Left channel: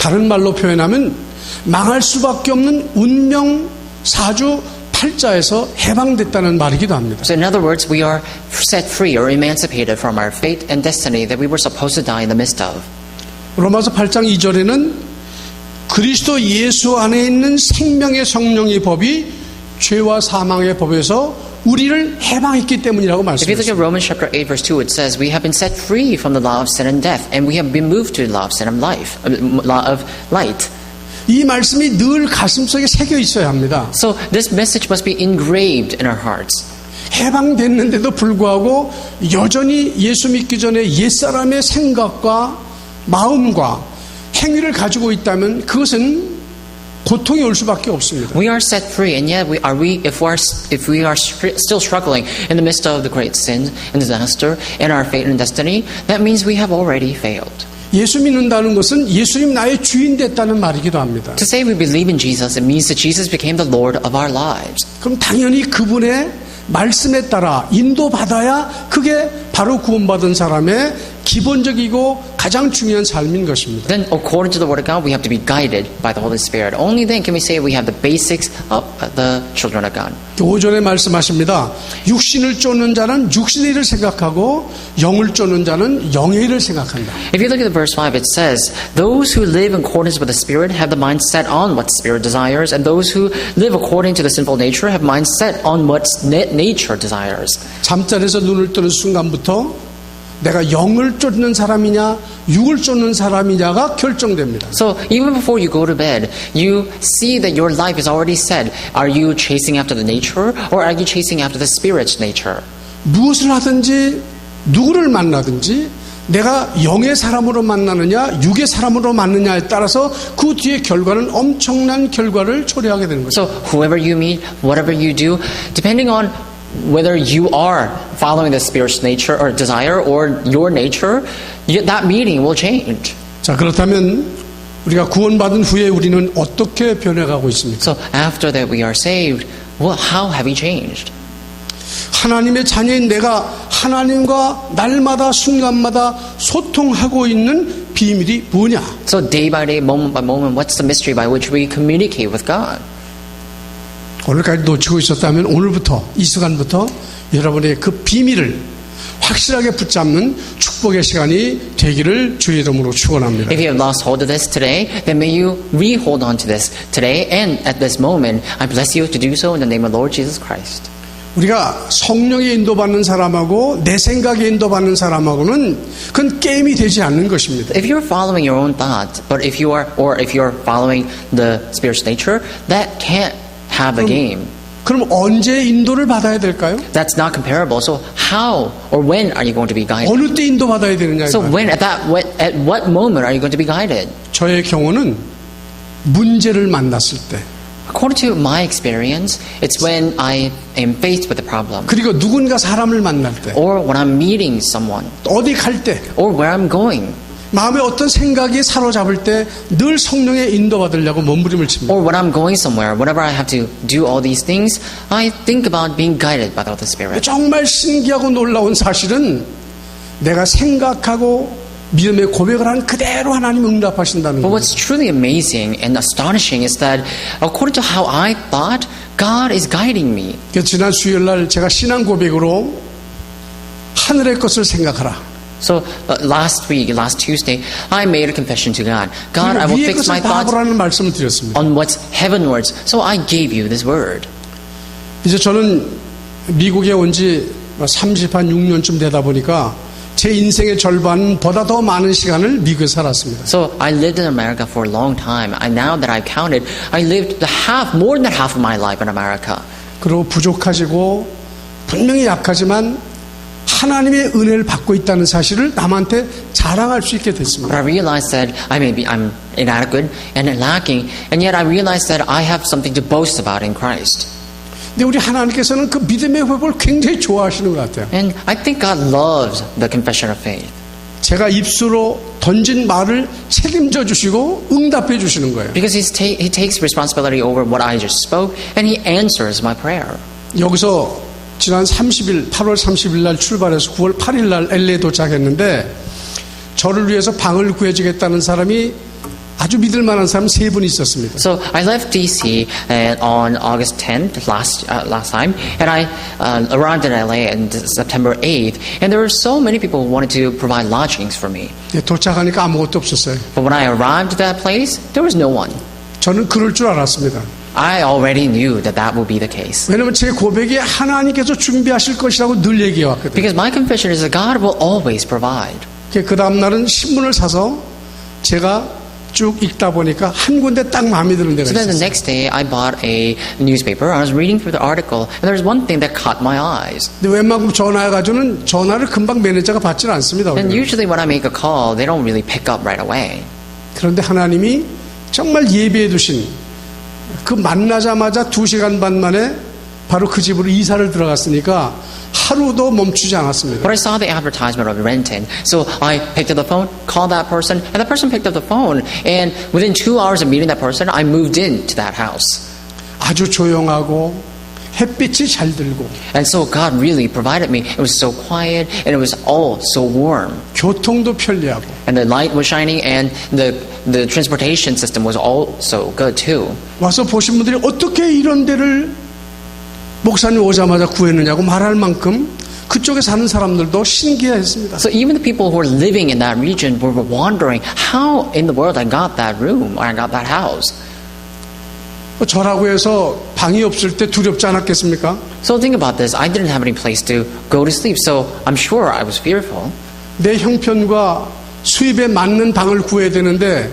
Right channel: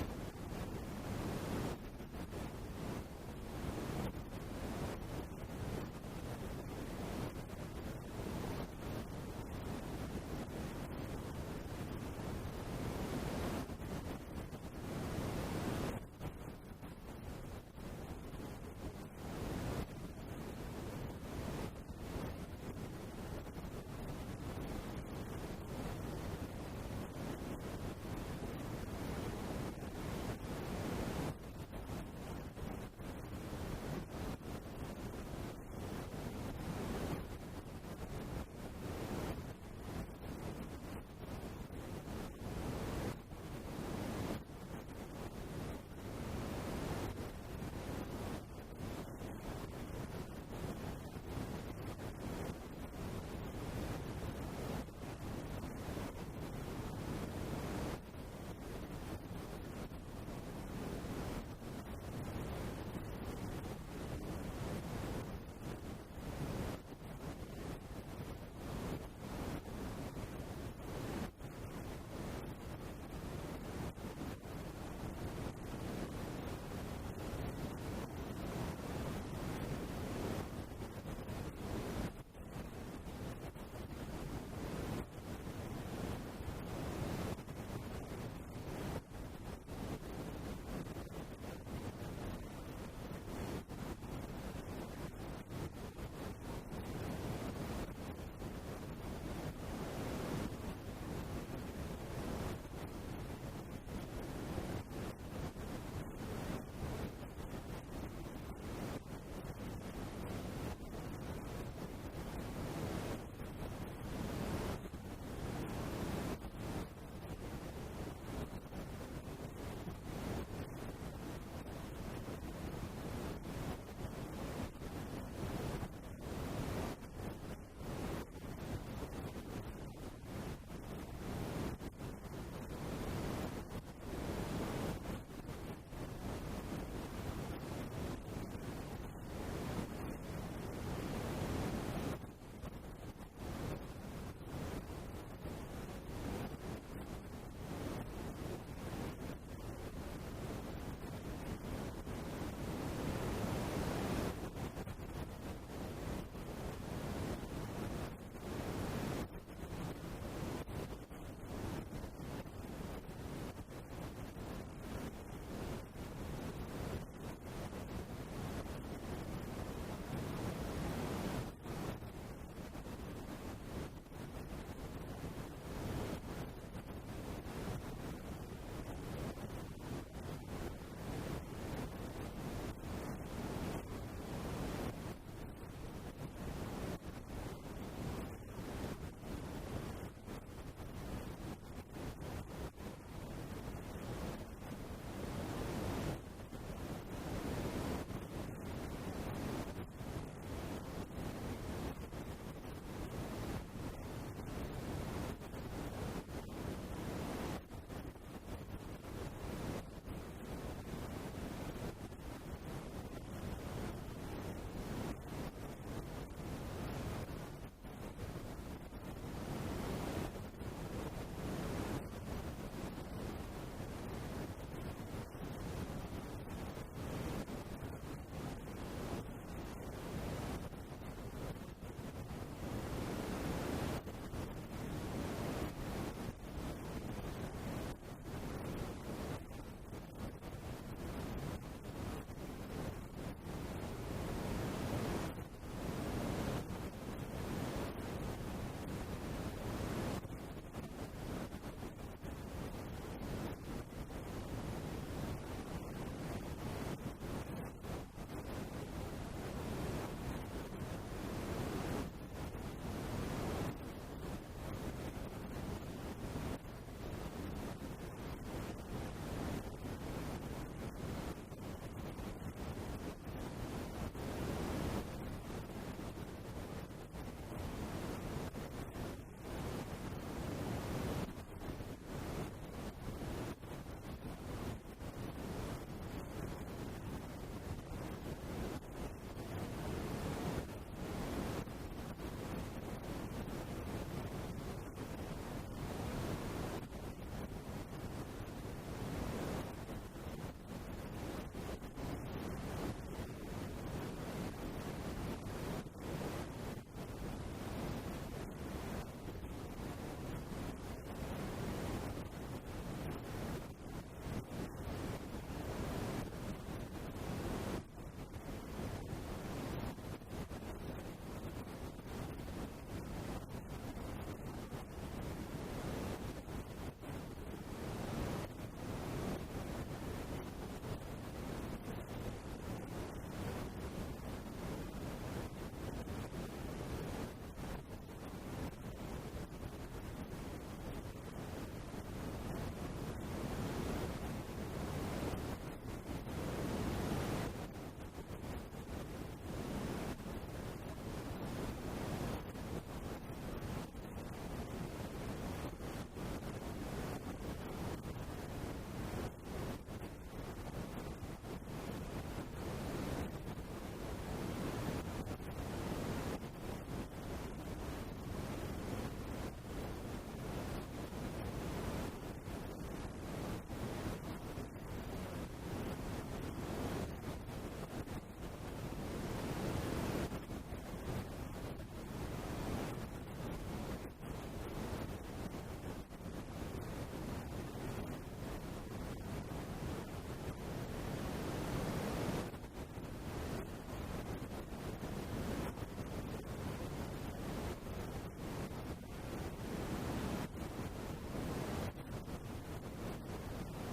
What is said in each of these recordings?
다른 말로 표현하면 망할 수밖에 없는 운명 사주 팔자에서 해방됐다는 말이기도 합니다. So in other words, we are set free or emancipated from our fate and destiny that we were supposed to die in the midst of. 로마서 8장 2절에는 그리스도 예수 안에 있는 생명의 성령의 법이 죄와 사망의 법에서 우리를 해방했기 때문이라고 If you look 말씀했습니다. at Romans chapter 8 verse 2, it says, we have been set free from the law of sin and death, and we have been moved to the law of sin and life, law of light. 이 말씀이 늘 가슴속에 새겨 있어야 합니다. So this message must be engraved in our hearts. 해방됐는데도 불구하고 여전히 예수 믿기 전에 옛사람의 생각과 마음과 행위를 가지고 있다면 그것은 고통이 올 수밖에 없습니다. We are set free, and yet if we are still struggling in the midst of the great sin and disaster and our fate and destiny, that means we have already failed. 예수 믿는다는 것은 예수님 나의 주인 됐다는 말이기도 합니다. To say we believe in Jesus, it means that Jesus became the Lord of our lives. 그럼 당연히 그분의 말씀에 따라 인도받아야 그게 바로 구원받은 사람의 기본적이고 가장 중요한 삶인 것입니다. Then, according to the Word of God, we have to be guided by the Holy Spirit. Only then can we say we have the basics of the children of God. 5절에 말씀하십니다. 육신을 쫓는 자는 육신의 일을 생각하고 영을 쫓는 자는 영의 일을 생각한다. If you look at the verse 5, it says, those who live in accordance with the Spirit have the mind set on what the Spirit desires, and those who live according to the sinful nature have mind set on what nature desires. 잠자리에서 눈을 뜨는 순간부터 내가 영을 쫓는 사람이냐 육을 쫓는 사람이냐가 결정됩니다. So even before you go to bed, you see that your life is already set. Are you chasing after the nature, or are you chasing after the Spirit's nature? 무엇을 하든지 누구를 만나든지 내가 영의 사람으로 만나느냐 육의 사람으로 만나느냐에 따라서 그 뒤에 결과는 엄청난 결과를 초래하게 되는 거죠. So whoever you meet, whatever you do, depending on whether you are following the Spirit's nature or desire or your nature, that meeting will change. 자, 그렇다면 우리가 구원받은 후에 우리는 어떻게 변해가고 있습니까? So after that we are saved, well, how have we changed? 하나님의 자녀인 내가 하나님과 날마다 순간마다 소통하고 있는 비밀이 뭐냐? So day by day, moment by moment, what's the mystery by which we communicate with God? 오늘까지 놓치고 있었다면 오늘부터 이 시간부터 여러분의 그 비밀을 확실하게 붙잡는 축복의 시간이 되기를 주의 이름으로 축원합니다. If you have lost hold of this today, then may you re-hold on to this today and at this moment. I bless you to do so in the name of Lord Jesus Christ. 우리가 성령에 인도받는 사람하고 내 생각에 인도받는 사람하고는 그건 게임이 되지 않는 것입니다. If you're following your own thoughts, but if you're following the Spirit's nature, that can't have a game. 그럼 언제 인도를 받아야 될까요? That's not comparable. So how or when are you going to be guided? 어느 때 인도받아야 되느냐에 So 따라 when at what moment are you going to be guided? 저의 경우는 문제를 만났을 때 According to my experience, it's when I am faced with a problem, 그리고 누군가 사람을 만날 때 or when I'm meeting someone, 어디 갈 때 or where I'm going, 마음에 어떤 생각이 사로잡을 때 늘 성령의 인도받으려고 몸부림을 칩니다. or when I'm going somewhere. Whenever I have to do all these things, I think about being guided by the Holy Spirit. 정말 신기하고 놀라운 사실은 내가 생각하고 믿음의 고백을 한 그대로 하나님 응답하신다는 But 거예요. what's truly amazing and astonishing is that according to how I thought, God is guiding me. 지난 수요일날 제가 신앙 고백으로 하늘의 것을 생각하라. So last Tuesday, I made a confession to God. God, I will 위의 fix my 것을 thoughts 바라보라는 말씀을 드렸습니다. on what's heavenwards. So I gave you this word. 이제 저는 미국에 온 지 36년쯤 되다 보니까 제 인생의 절반보다 더 많은 시간을 미국에 살았습니다. So I lived in America for a long time. Now that I've counted, I lived more than half of my life in America. 그리고 부족하시고 분명히 약하지만 하나님의 은혜를 받고 있다는 사실을 남한테 자랑할 수 있게 됐습니다. But I realized that I'm inadequate and lacking, and yet I realized that I have something to boast about in Christ. 근데 우리 하나님께서는 그 믿음의 회복을 굉장히 좋아하시는 것 같아요. And I think God loves the confession of faith. 제가 입수로 던진 말을 책임져 주시고 응답해 주시는 거예요. Because He takes responsibility over what I just spoke, and He answers my prayer. 여기서 지난 8월 30일 날 출발해서 9월 8일 날 LA에 도착했는데 저를 위해서 방을 구해주겠다는 사람이 아주 믿을 만한 사람 세 분이 있었습니다. So I left DC on August 10th last time, and I arrived in LA on September 8th, and there were so many people who wanted to provide lodgings for me. 예, 도착하니까 아무것도 없었어요. But when I arrived at that place, there was no one. 저는 그럴 줄 알았습니다. I already knew that that would be the case. 왜냐하면 제 고백이 하나님께서 준비하실 것이라고 늘 얘기해 왔거든요. Because my confession is that God will always provide. 그 다음 날은 신문을 사서 제가 쭉 읽다 보니까 한 군데 딱 마음에 드는 데가 So then the 있었어요. next day, I bought a newspaper. I was reading through the article, and there was one thing that caught my eyes. 근데 웬만큼 전화해가지고는 전화를 금방 매니저가 받지는 않습니다. And 우리는. usually when I make a call, they don't really pick up right away. 그런데 하나님이 정말 예비해 두신 그 만나자마자 2시간 반 만에 바로 그 집으로 이사를 들어갔으니까 하루도 멈추지 않았습니다. But I saw the advertisement of renting, so I picked up the phone, called that person, and the person picked up the phone. And within 2 hours of meeting that person, I moved into that house. 아주 조용하고 햇빛이 잘 들고 And so God really provided me. It was so quiet, and it was all so warm. 교통도 편리하고 And the light was shining, and the transportation system was also good too. 와서 보신 분들이 어떻게 이런 데를 목사님 오자마자 구했느냐고 말할 만큼 그쪽에 사는 사람들도 신기해했습니다. So even the people who were living in that region were wondering how in the world I got that room or I got that house. 저라고 해서 방이 없을 때 두렵지 않았겠습니까? So think about this. I didn't have any place to go to sleep, so I'm sure I was fearful. 내 형편과 수입에 맞는 방을 구해야 되는데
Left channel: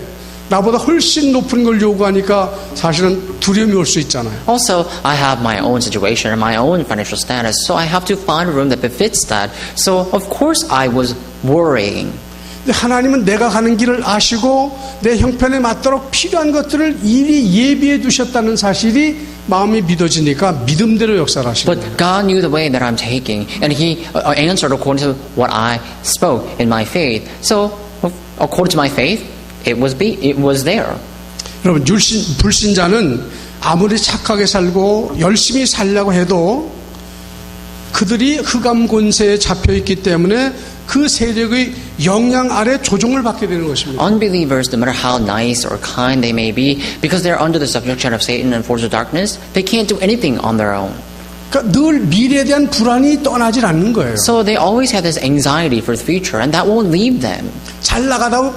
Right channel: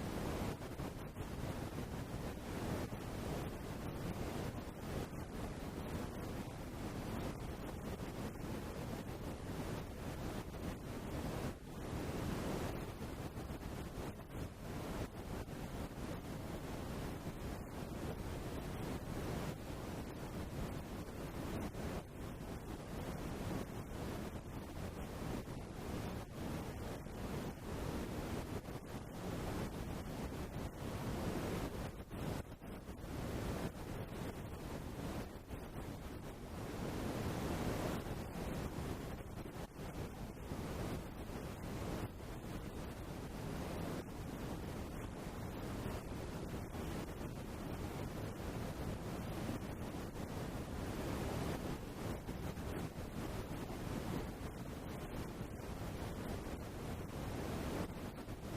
나보다 훨씬 높은 걸 요구하니까 사실은 두려움이 올 수 있잖아요. Also, I have my own situation and my own financial status, so I have to find a room that befits that. So of course I was worrying. 근데 하나님은 내가 가는 길을 아시고 내 형편에 맞도록 필요한 것들을 이리 예비해 두셨다는 사실이 마음이 믿어지니까 믿음대로 역사를 하시는 거예요. But God knew the way that I'm taking, and He answered according to what I spoke in my faith. So according to my faith, it was there. 여러분 불신자는 아무리 착하게 살고 열심히 살려고 해도 그들이 흑암 권세에 잡혀 있기 때문에 그 세력의 영향 아래 조종을 받게 되는 것입니다. Unbelievers, no matter how nice or kind they may be, because they're under the subjection of Satan and forces of darkness, they can't do anything on their own. 그러니까 늘 미래에 대한 불안이 떠나질 않는 거예요. So they always have this anxiety for the future, and that won't leave them. 잘 나가다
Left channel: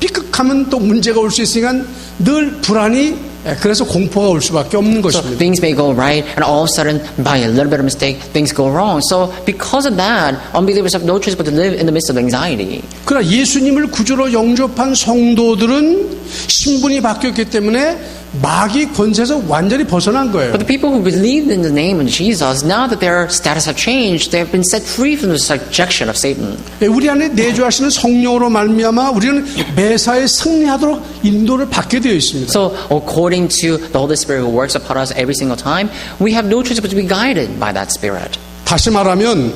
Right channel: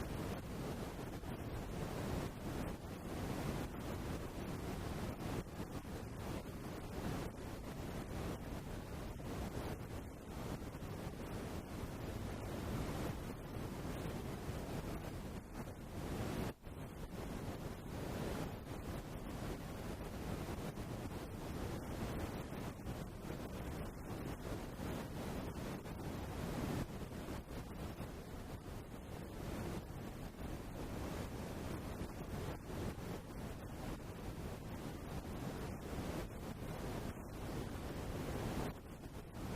삐끗하면 또 문제가 올 수 있으니까 늘 불안이 그래서 공포가 올 수밖에 없는 So 것입니다. things may go right, and all of a sudden, by a little bit of mistake, things go wrong. So because of that, unbelievers have no choice but to live in the midst of anxiety. 그러나 예수님을 구주로 영접한 성도들은 신분이 바뀌었기 때문에 마귀 권세에서 완전히 벗어난 거예요. But the people who believed in the name of Jesus, now that their status have changed, they have been set free from the subjection of Satan. 우리 안에 내주하시는 성령으로 말미암아 우리는 매사에 승리하도록 인도를 받게 되어 있습니다. So according to the Holy Spirit who works upon us every single time, we have no choice but to be guided by that Spirit. 다시 말하면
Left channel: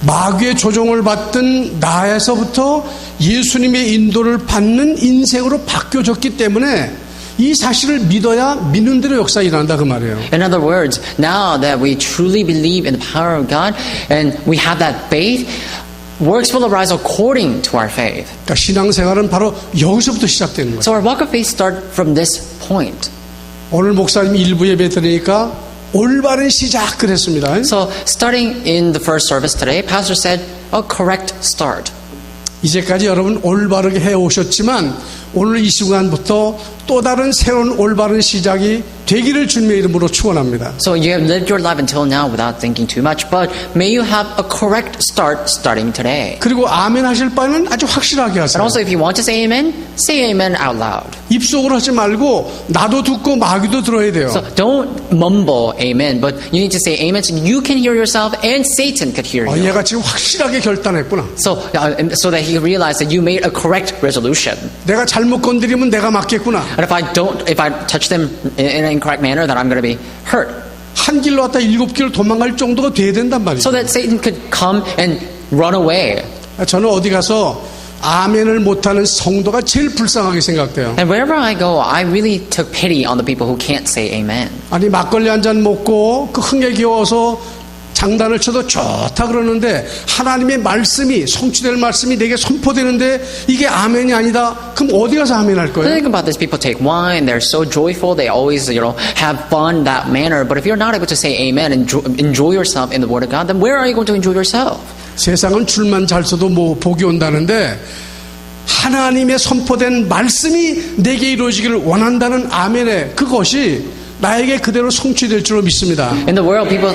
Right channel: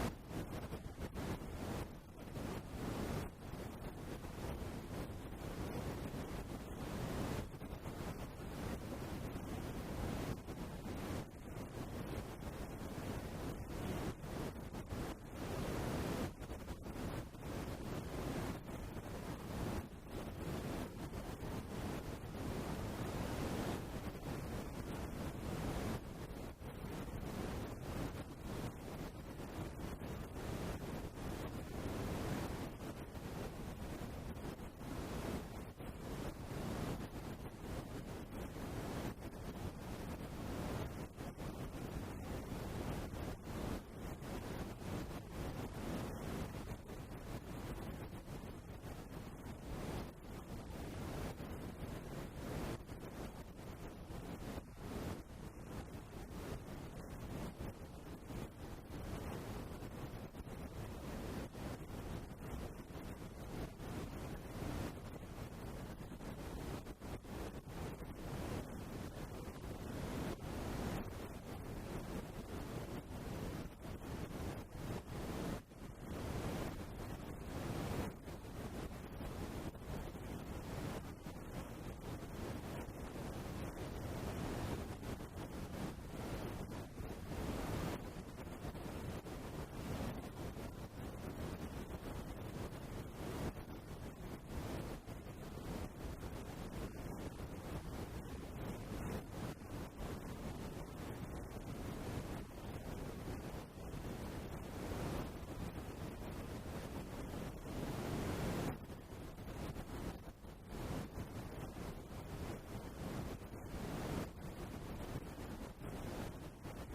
마귀의 조종을 받던 나에서부터 예수님의 인도를 받는 인생으로 바뀌어졌기 때문에 이 사실을 믿어야 믿는 대로 역사 일어난다 그 말이에요. In other words, now that we truly believe in the power of God and we have that faith, works will arise according to our faith. 그러니까 신앙생활은 바로 여기서부터 시작되는 거예요. So our walk of faith starts from this point. 오늘 목사님 일부 예배 드리니까 올바른 시작 그랬습니다. So starting in the first service today, Pastor said a correct start. 이제까지 여러분 올바르게 해오셨지만 오늘 이 순간부터 또 다른 새로운 올바른 시작이 되기를 주님의 이름으로 축원합니다. So you have lived your life until now without thinking too much, but may you have a correct start starting today. 그리고 아멘 하실 바는 아주 확실하게 And 하세요. also if you want to say amen out loud. 입속으로 하지 말고 나도 듣고 마귀도 들어야 돼요. So don't mumble amen, but you need to say amen so you can hear yourself and Satan could hear you. 얘가 지금 확실하게 결단했구나. So that he realized that you made a correct resolution. 내가 잘못 건드리면 내가 맞겠구나. And if I touch them in an incorrect manner, then I'm going to be hurt. 한 길로 왔다 7길 도망갈 정도가 돼야 된단 말이죠. So that Satan could come and run away. 저는 어디 가서 아멘을 못하는 성도가 제일 불쌍하게 생각돼요. And wherever I go, I really took pity on the people who can't say amen. 아니 막걸리 한 잔 먹고 그 흥에 겨워서 장단을 쳐도 좋다 그러는데 하나님의 말씀이 성취될 말씀이 내게 선포되는데 이게 아멘이 아니다. 그럼 어디 가서 아멘 할 거예요? Think about this. People take wine. They're so joyful. They always, have fun that manner. But if you're not able to say amen and enjoy yourself in the Word of God, then where are you going to enjoy yourself? 세상은 줄만 잘 서도 뭐 복이 온다는데 하나님의 선포된 말씀이 내게 이루어지기를 원한다는 아멘의 그것이 나에게 그대로 성취될 줄로 믿습니다. In the world, people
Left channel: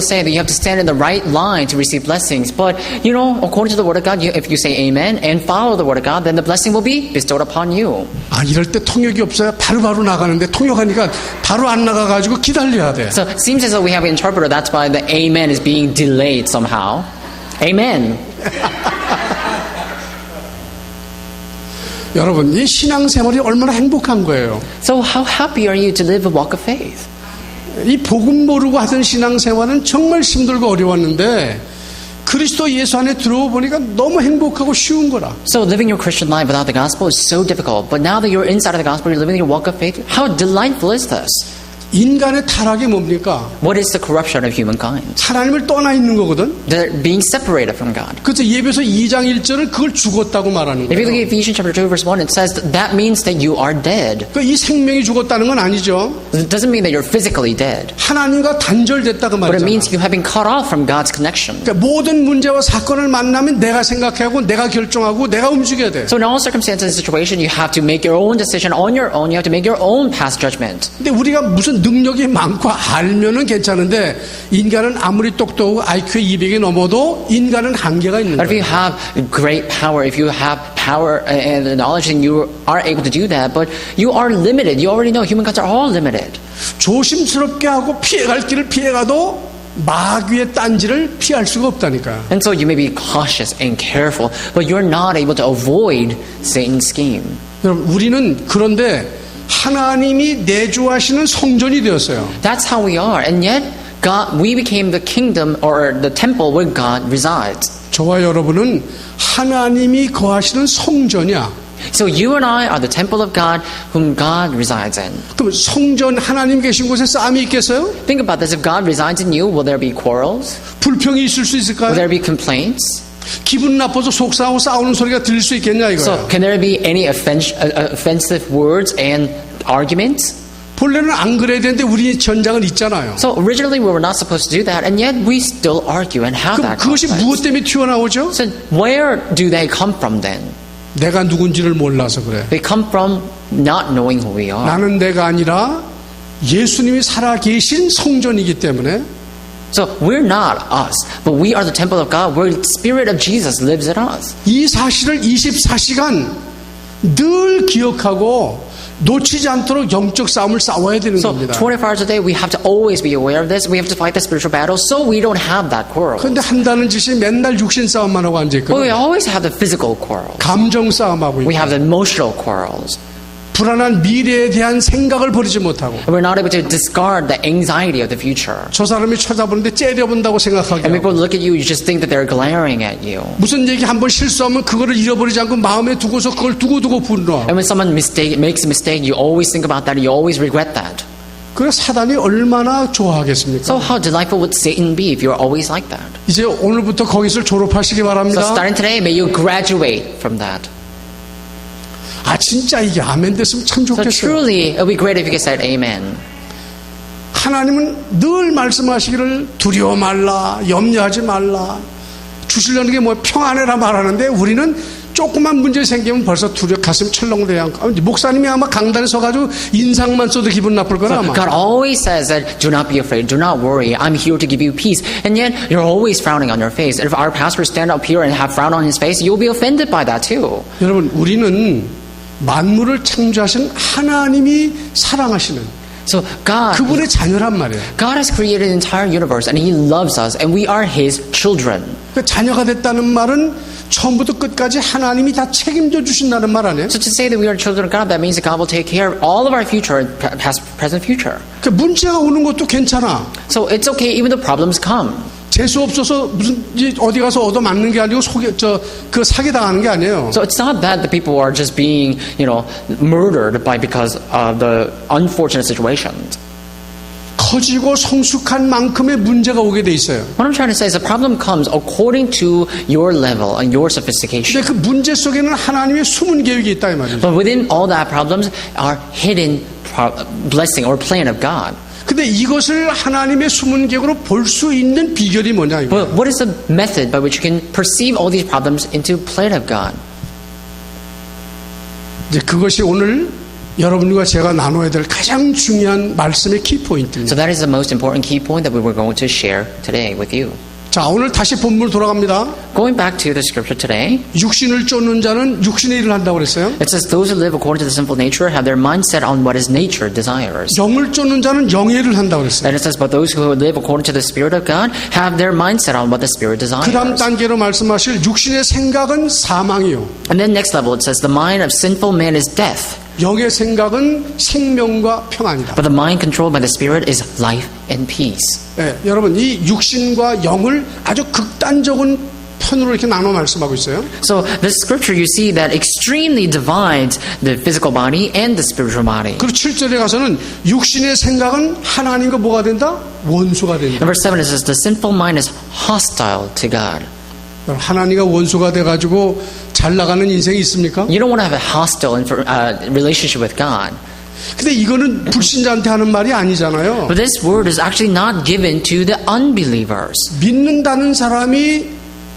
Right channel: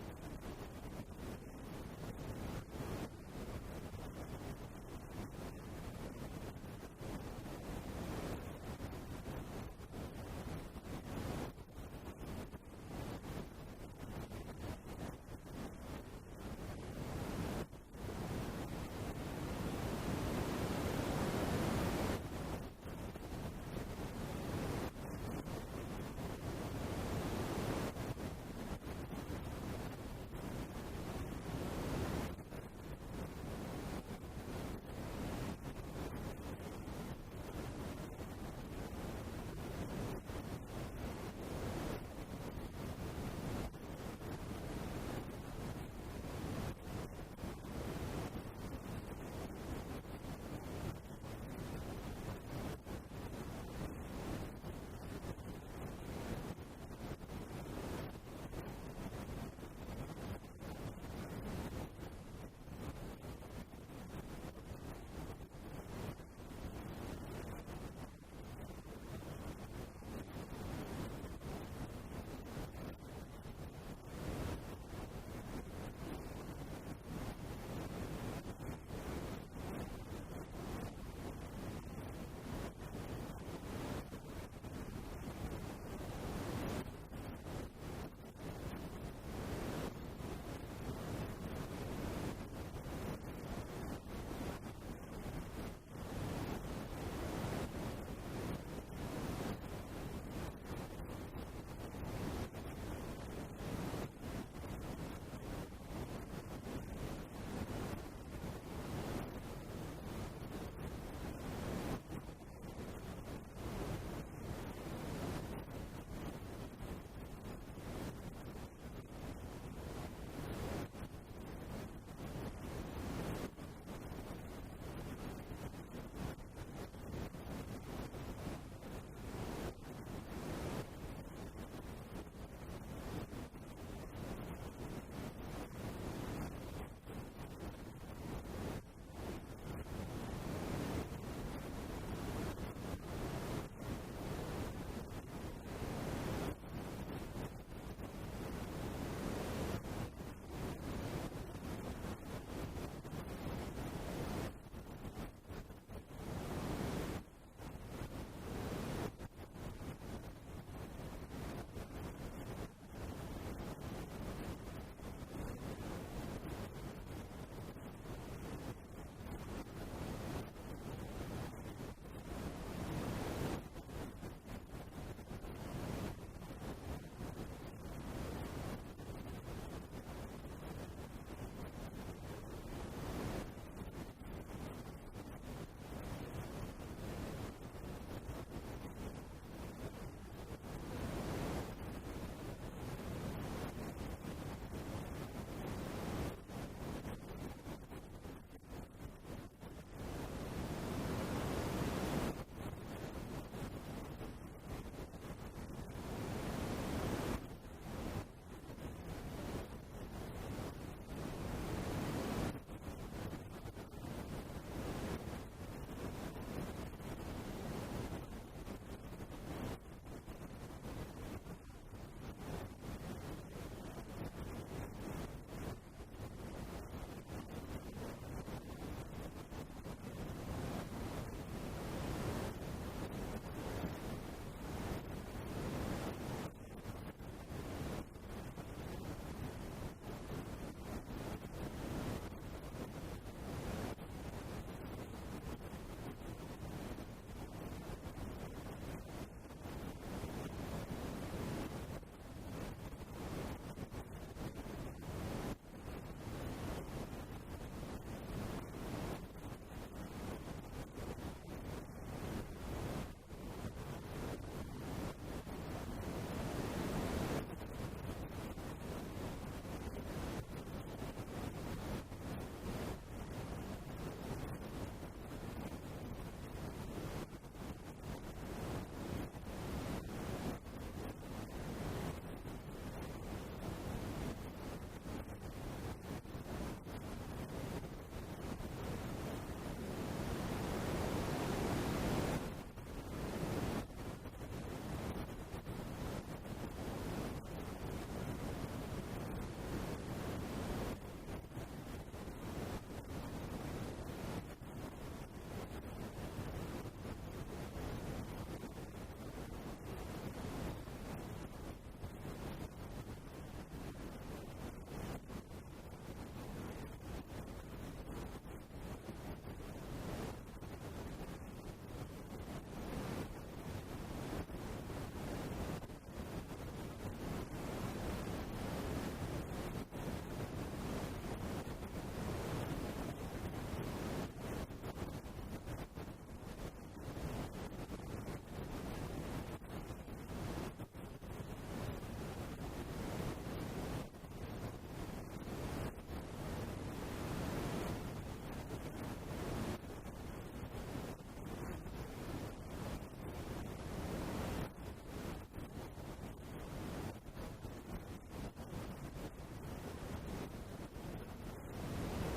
say that you have to stand in the right line to receive blessings. But according to the Word of God, if you say Amen and follow the Word of God, then the blessing will be bestowed upon you. 아, 이럴 때 통역이 없어야 바로바로 나가는데 통역하니까 바로 안 나가가지고 기다려야 돼. So it seems as though we have an interpreter. That's why the Amen is being delayed somehow. Amen. 여러분, 이 신앙생활이 얼마나 행복한 거예요. So how happy are you to live a walk of faith? 이 복음 모르고 하던 신앙생활은 정말 힘들고 어려웠는데 그리스도 예수 안에 들어오 보니까 너무 행복하고 쉬운 거라. So living your Christian life without the gospel is so difficult. But now that you're inside of the gospel, you're living your walk of faith, how delightful is this? 인간의 타락이 뭡니까? What is the corruption of humankind? 하나님을 떠나 있는 거거든. They're being separated from God. 그래서 예배서 2장 1절은 그걸 죽었다고 말하는 If you look 거예요. at Ephesians chapter 2 verse 1, it says that means that you are dead. 이 생명이 죽었다는 건 아니죠. It doesn't mean that you're physically dead. 하나님과 단절됐다고 But it 말이잖아. means you have been cut off from God's connection. 그러니까 모든 문제와 사건을 만나면 내가 생각하고 내가 결정하고 내가 움직여야 돼. So in all circumstances and situation, you have to make your own decision on your own. You have to make your own past judgment. 근데 우리가 무슨 능력이 많고 알면은 괜찮은데 인간은 아무리 똑똑하고 IQ 200이 넘어도 인간은 한계가 있는 But if you 거예요. have great power, if you have power and the knowledge, then you are able to do that. But you are limited. You already know humankind are all limited. 조심스럽게 하고 피해갈 길을 피해가도 마귀의 딴지를 피할 수가 없다니까. And so you may be cautious and careful, but you're not able to avoid Satan's scheme. 여러분, 우리는 그런데 하나님이 내주하시는 성전이 되었어요. That's how we are. And yet, we became the kingdom or the temple where God resides. 저와 여러분은 하나님이 거하시는 성전이야. So you and I are the temple of God whom God resides in. 그럼 성전 하나님 계신 곳에 싸움이 있겠어요? Think about this. If God resides in you, will there be quarrels? 불평이 있을 수 Will 있을까요? there be complaints? 기분 나빠서 속상하고 싸우는 소리가 들릴 수 있겠냐 So 이거예요. can there be any offensive words and arguments? 본래는 안 그래야 되는데 우리 전장은 있잖아요. So originally we were not supposed to do that, and yet we still argue and have 그럼 that 그것이 무엇 conflict. 때문에 튀어나오죠? So where do they come from then? 내가 누군지를 몰라서 그래. They come from not knowing who we are. 나는 내가 아니라 예수님이 살아계신 성전이기 때문에 So we're not us, but we are the temple of God where the Spirit of Jesus lives in us. 이 사실을 24시간 늘 기억하고 놓치지 않도록 영적 싸움을 싸워야 되는 So 겁니다. 24 hours a day, we have to always be aware of this. We have to fight the spiritual battle so we don't have that quarrel. 그런데 한다는 짓이 맨날 육신 싸움만 하고 But we 앉아있거든요. always have the physical quarrels. 감정 싸움하고 We 있고 have the emotional quarrels. 불안한 미래에 대한 생각을 버리지 못하고 And we're not able to discard the anxiety of the future. 저 사람이 쳐다보는데 째려본다고 생각하게 And 하고 people look at you, you just think that they're glaring at you. 무슨 얘기 한번 실수하면 그거를 잃어버리지 않고 마음에 두고서 그걸 두고두고 분노하고 And when someone makes a mistake, you always think about that, you always regret that. 그래 사단이 얼마나 좋아하겠습니까? So how delightful would Satan be if you're always like that? 이제 오늘부터 거기서 졸업하시기 So 바랍니다. starting today, may you graduate from that. 아 진짜 이게 아멘 됐으면 참 So 좋겠어요. truly, it would be great if you could say amen. 하나님은 늘 말씀하시기를 두려워 말라, 염려하지 말라. 주시려는 게 뭐 평안해라 말하는데 우리는 조그만 문제 생기면 벌써 가슴 철렁대요. 목사님이 아마 강단에 서가지고 인상만 써도 기분 나쁠 거라 아마. God always says that do not be afraid, do not worry, I'm here to give you peace. And yet you're always frowning on your face. And if our pastor stand up here and have frown on his face, you'll be offended by that too. 여러분 우리는 만물을 창조하신 하나님이 사랑하시는 So God 그분의 자녀란 말이에요. God has created the entire universe and He loves us and we are His children. 그 자녀가 됐다는 말은 처음부터 끝까지 하나님이 다 책임져 주신다는 말 아니에요? So to say that we are children of God, that means that God will take care of all of our future, past, present, future. 그 문제가 오는 것도 괜찮아. So it's okay even though problems come. 재수 없어서 무슨 어디 가서 얻어 맞는 게 아니고 그 사기 당하는 게 아니에요. So it's not that the people are just being, murdered because of the unfortunate situations. 커지고 성숙한 만큼의 문제가 오게 돼 있어요. What I'm trying to say is the problem comes according to your level and your sophistication. 근데 그 문제 속에는 하나님의 숨은 계획이 있다 이 말이죠. But within all that problems are hidden blessing or plan of God. 근데 이것을 하나님의 숨은 계획으로 볼 수 있는 비결이 뭐냐 이거. Well, what is the method by which you can perceive all these problems into plan of God? 이제 그것이 오늘 여러분과 제가 나눠야 될 가장 중요한 말씀의 키포인트입니다. So that is the most important key point that we were going to share today with you. 자, 오늘 다시 본문으로 돌아갑니다. Going back to the scripture today, 육신을 쫓는 자는 육신의 일을 한다고 그랬어요. it says those who live according to the sinful nature have their mind set on what is nature desires. 영을 쫓는 자는 영의 일을 한다고 그랬어요. And it says, but those who live according to the Spirit of God have their mind set on what the Spirit 그 다음 desires. 단계로 말씀하실 육신의 생각은 사망이요. And then next level, it says, the mind of sinful man is death, 영의 생각은 생명과 평안이다. but the mind controlled by the Spirit is life and peace. 네, 여러분 이 육신과 영을 아주 극단적인 편으로 이렇게 나눠 말씀하고 있어요. So this scripture, you see that extremely divides the physical body and the spiritual body. 그리고 7절에 가서는 육신의 생각은 하나님과 뭐가 된다? 원수가 된다. In verse 7, it says, the sinful mind is hostile to God. 하나님과 원수가 돼가지고 잘 나가는 인생이 있습니까? You don't want to have a hostile relationship with God. 근데 이거는 불신자한테 하는 말이 아니잖아요. But this word is actually not given to the unbelievers. 믿는다는 사람이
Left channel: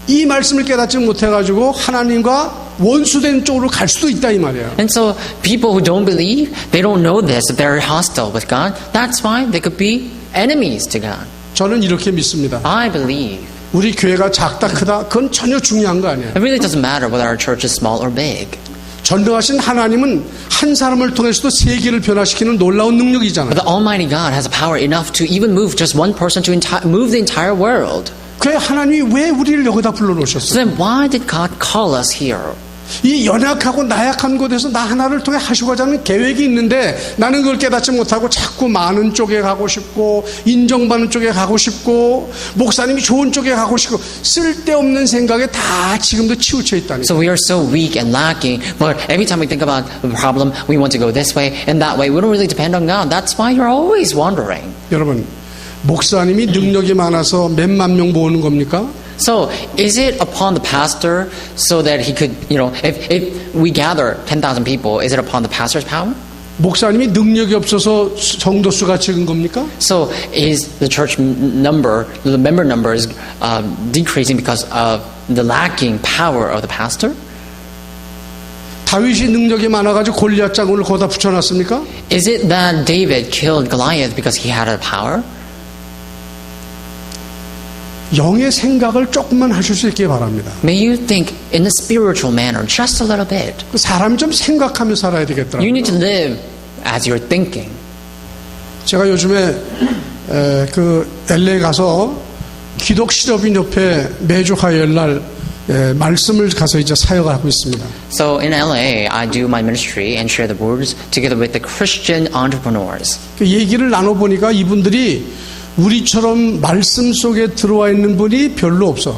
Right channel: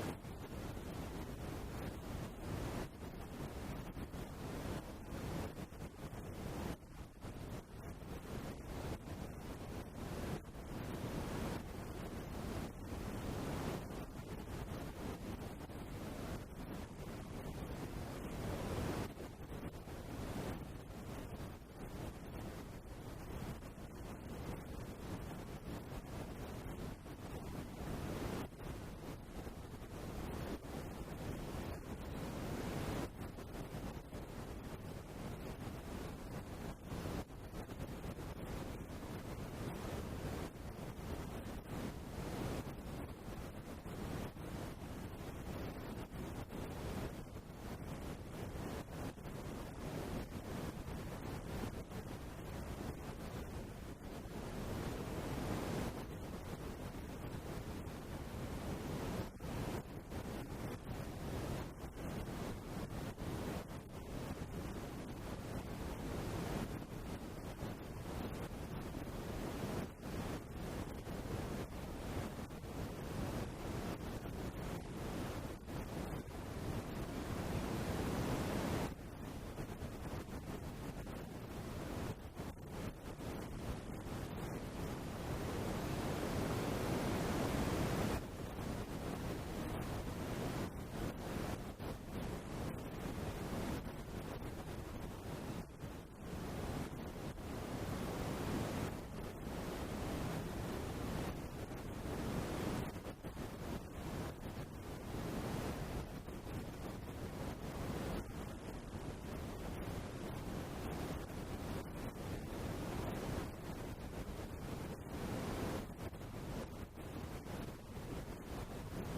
이 말씀을 깨닫지 못해가지고 하나님과 원수된 쪽으로 갈 수도 있다 이 말이에요. And so people who don't believe, they don't know this, that they're hostile with God. That's why they could be enemies to God. 저는 이렇게 믿습니다. I believe. 우리 교회가 작다 크다 그건 전혀 중요한 거 아니에요. It really doesn't matter whether our church is small or big. 전능하신 하나님은 한 사람을 통해서도 세계를 변화시키는 놀라운 능력이잖아요. But the Almighty God has a power enough to even move just one person to move the entire world. 그 하나님이 왜 우리를 여기다 So 불러놓으셨어요? then why did God call us here? 이 연약하고 나약한 곳에서 나 하나를 통해 하시고자 하는 계획이 있는데 나는 그걸 깨닫지 못하고 자꾸 많은 쪽에 가고 싶고 인정받는 쪽에 가고 싶고 목사님이 좋은 쪽에 가고 싶고 쓸데없는 생각에 다 지금도 치우쳐 있다니. So we are so weak and lacking, but every time we think about the problem, we want to go this way and that way. We don't really depend on God. That's why you're always wandering. 여러분 목사님이 능력이 많아서 몇만 명 모으는 겁니까? So is it upon the pastor so that he could, if we gather 10,000 people, is it upon the pastor's power? 목사님이 능력이 없어서 성도 수가 적은 겁니까? So is the church number, the member number is decreasing because of the lacking power of the pastor? 다윗이 능력이 많아가지고 골리앗 장군을 거기다 붙여놨습니까? Is it that David killed Goliath because he had a power? 영의 생각을 조금만 하실 수 있게 바랍니다. May you think in a spiritual manner, just a little bit. 사람이 좀 생각하며 살아야 You 되겠더라고요. need to live as you're thinking. 제가 요즘에 그 LA 가서 기독 실업인 옆에 매주 화요일 날 말씀을 가서 이제 사역을 하고 있습니다. So in LA, I do my ministry and share the words together with the Christian entrepreneurs. 그 얘기를 나눠보니까 이분들이 우리처럼 말씀 속에 들어와 있는 분이 별로 없어.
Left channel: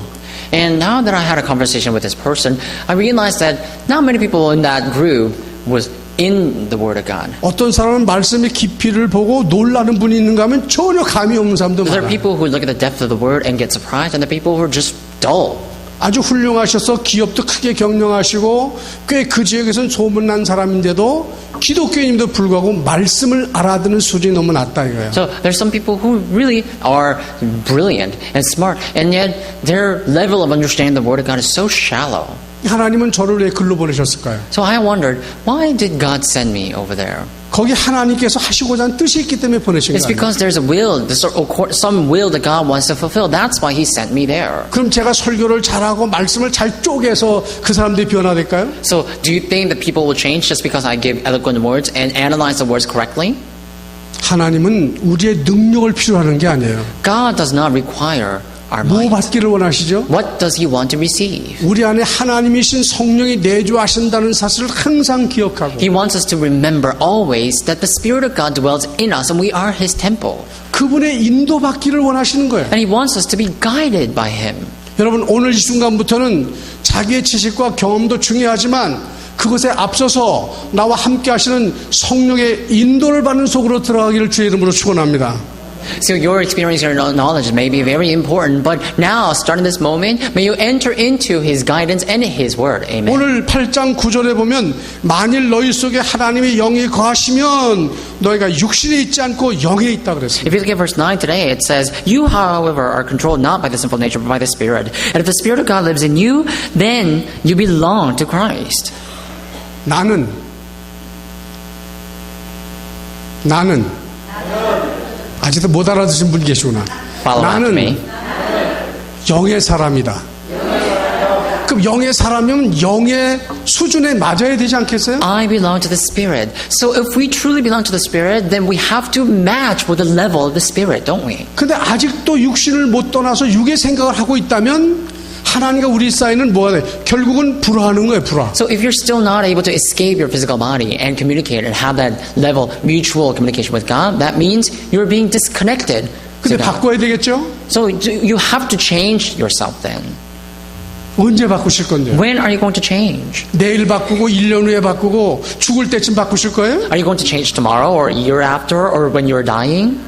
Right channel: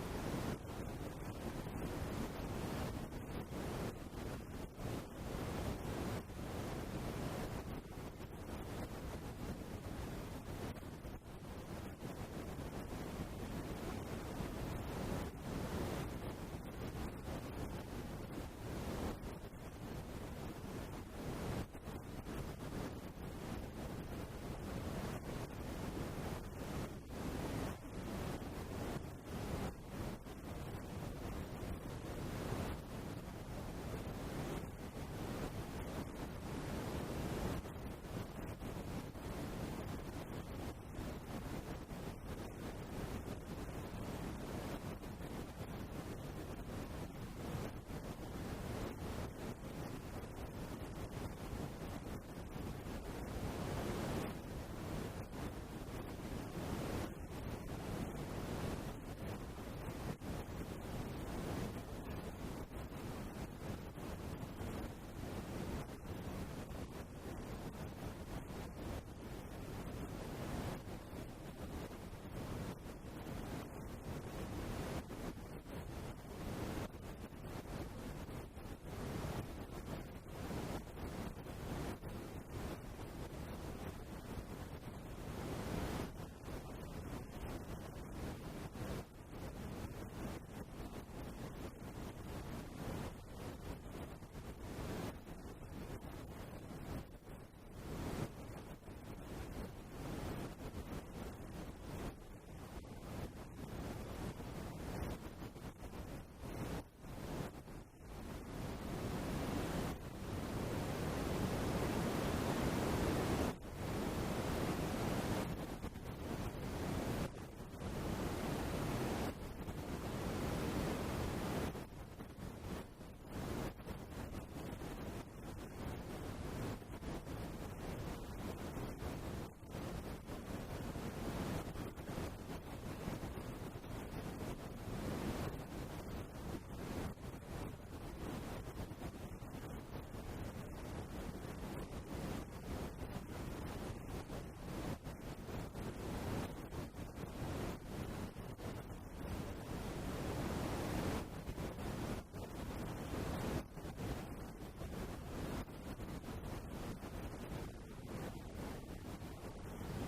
And now that I had a conversation with this person, I realized that not many people in that group was in the Word of God. 어떤 사람은 말씀의 깊이를 보고 놀라는 분이 있는가 하면 전혀 감이 없는 사람도 There are 많아요. people who look at the depth of the Word and get surprised, and there are people who are just dull. 아주 훌륭하셔서 기업도 크게 경영하시고 꽤 그 지역에서는 소문난 사람인데도 기독교인임에도 불구하고 말씀을 알아듣는 수준이 너무 낮다 이거예요. So there's some people who really are brilliant and smart, and yet their level of understanding the Word of God is so shallow. 하나님은 저를 왜 글로 보내셨을까요? So I wondered, why did God send me over there? 거기 하나님께서 하시고자 하는 뜻이 있기 때문에 보내신 It's 거예요. because there's a will, some will that God wants to fulfill. That's why He sent me there. 그럼 제가 설교를 잘하고 말씀을 잘 쪼개서 그 사람들이 변화될까요? So do you think that people will change just because I give eloquent words and analyze the words correctly? 하나님은 우리의 능력을 필요로 하는 게 아니에요. God does not require our 뭐 mind. 받기를 원하시죠? What does He want to receive? 우리 안에 하나님이신 성령이 내주하신다는 사실을 항상 기억하고 He wants us to remember always that the Spirit of God dwells in us and we are His temple. 그분의 인도받기를 원하시는 거예요. And He wants us to be guided by Him. 여러분 오늘 이 순간부터는 자기의 지식과 경험도 중요하지만 그것에 앞서서 나와 함께 하시는 성령의 인도를 받는 속으로 들어가기를 주의 이름으로 축원합니다. So your experience, your knowledge may be very important, but now, starting this moment, may you enter into His guidance and His word. Amen. 오늘 8장 9절에 보면 만일 너희 속에 하나님의 영이 거하시면 너희가 육신에 있지 않고 영에 있다 그랬습니다. If you look at verse 9 today, it says, You, however, are controlled not by the sinful nature, but by the Spirit. And if the Spirit of God lives in you, then you belong to Christ. 나는 아직도 못 알아듣으신 분 계시구나. Follow after me. 나는 영의 사람이다. 그럼 영의 사람이면 영의 수준에 맞아야 되지 않겠어요? I belong to the Spirit. So if we truly belong to the Spirit, then we have to match with the level of the Spirit, don't we? 근데 아직도 육신을 못 떠나서 육의 생각을 하고 있다면 하나님과 우리 사이는 뭐가 돼? 결국은 불화하는 거예요, 불화. So if you're still not able to escape your physical body and communicate and have that level mutual communication with God, that means you're being disconnected 근데 to God. 바꿔야 되겠죠? So you have to change yourself then. 언제 바꾸실 건데요? When are you going to change? 내일 바꾸고 1년 후에 바꾸고 죽을 때쯤 바꾸실 거예요? Are you going to change tomorrow or a year after or when you're dying?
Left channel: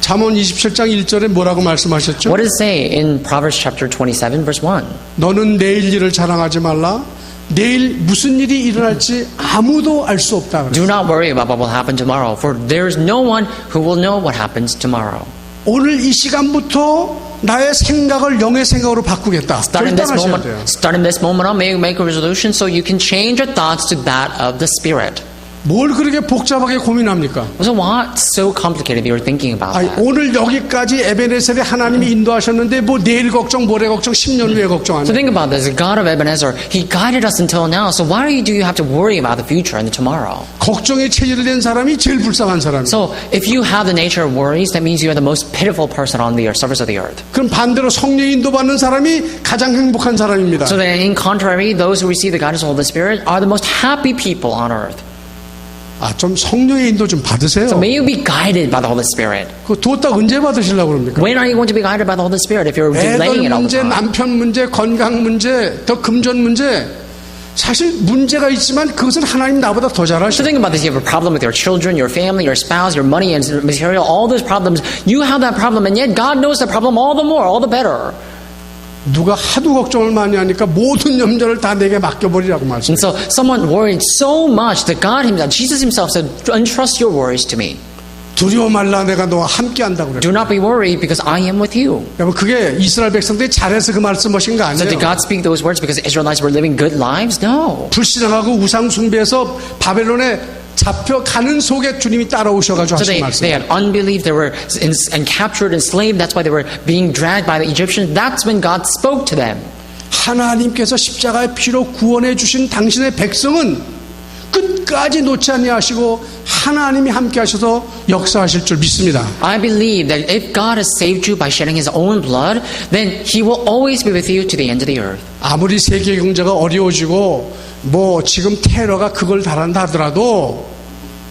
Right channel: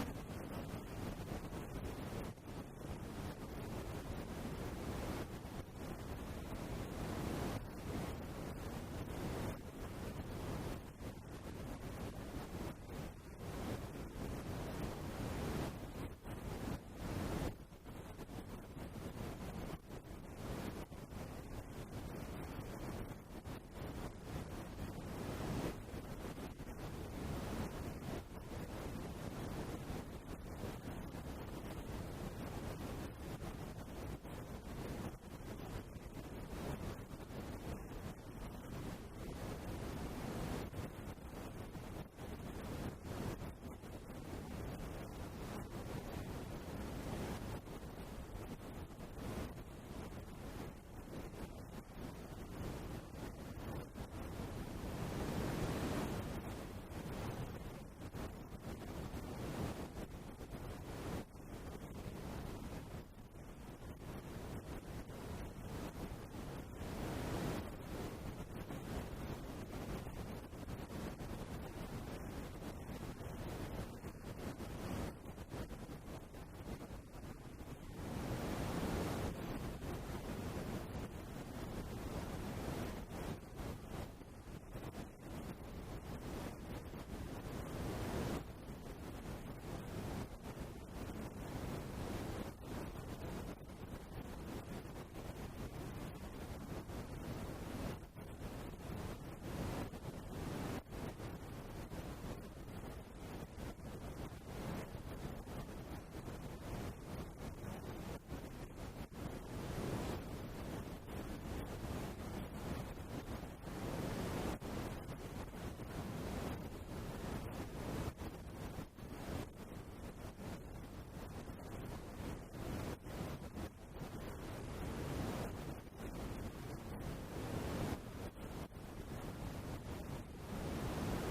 잠언 27장 1절에 뭐라고 말씀하셨죠? What does it say in Proverbs chapter 27 verse 1? 너는 내일 일을 자랑하지 말라. 내일 무슨 일이 일어날지 아무도 알 수 없다. Do not worry about what will happen tomorrow, for there is no one who will know what happens tomorrow. 오늘 이 시간부터 나의 생각을 영의 생각으로 바꾸겠다. Starting this 결단하셔야 moment, 돼요. starting this moment on, make a resolution so you can change your thoughts to that of the Spirit. 뭘 그렇게 복잡하게 고민합니까? So what's so complicated you're thinking about 아니, that? 오늘 여기까지 에베네셀에 하나님이 인도하셨는데 뭐 내일 걱정, 모레 걱정, 10년 후에 So 걱정하냐? think about this. The God of Ebenezer, He guided us until now. So why do you have to worry about the future and the tomorrow? 걱정에 체질된 사람이 제일 불쌍한 사람이에요. So if you have the nature of worries, that means you are the most pitiful person on the surface of the earth. 그럼 반대로 성령 인도받는 사람이 가장 행복한 사람입니다. So then in contrary, those who receive the guidance of the Holy Spirit are the most happy people on earth. 아, 좀 성령의 인도 좀 받으세요. So may you be guided by the Holy Spirit. 그 뒀다 언제 받으시려고 그럽니까? When are you going to be guided by the Holy Spirit if you're delaying 애들 it all the 문제, time? 남편 문제, 건강 문제, 더 금전 문제. 사실 문제가 있지만 그것은 하나님 나보다 더 잘 So 아셔. think about this. You have a problem with your children, your family, your spouse, your money and material, all those problems. You have that problem and yet God knows the problem all the more, all the better. 누가 하도 걱정을 많이 하니까 모든 염려를 다 내게 맡겨버리라고 말씀. And so someone worried so much that God Himself, Jesus Himself said, entrust your worries to me. 두려워 말라 내가 너와 함께 한다고 그래요. Do not be worried because I am with you. 여러분 그게 이스라엘 백성들이 잘해서 그 말씀하신 거 So did 아니에요. God speak those words because the Israelites were living good lives? No. 불신앙하고 우상 숭배해서 바벨론에 잡혀가는 속에 주님이 따라오셔가지고 So 하신 they 말씀. had unbelief, they were and captured, enslaved. That's why they were being dragged by the Egyptians. That's when God spoke to them. 하나님께서 십자가의 피로 구원해 주신 당신의 백성은 끝까지 놓지 아니하시고 하나님이 함께 하셔서 역사하실 줄 믿습니다. I believe that if God has saved you by shedding His own blood, then He will always be with you to the end of the earth. 아무리 세계 경제가 어려워지고 뭐 지금 테러가 그걸 달한다 하더라도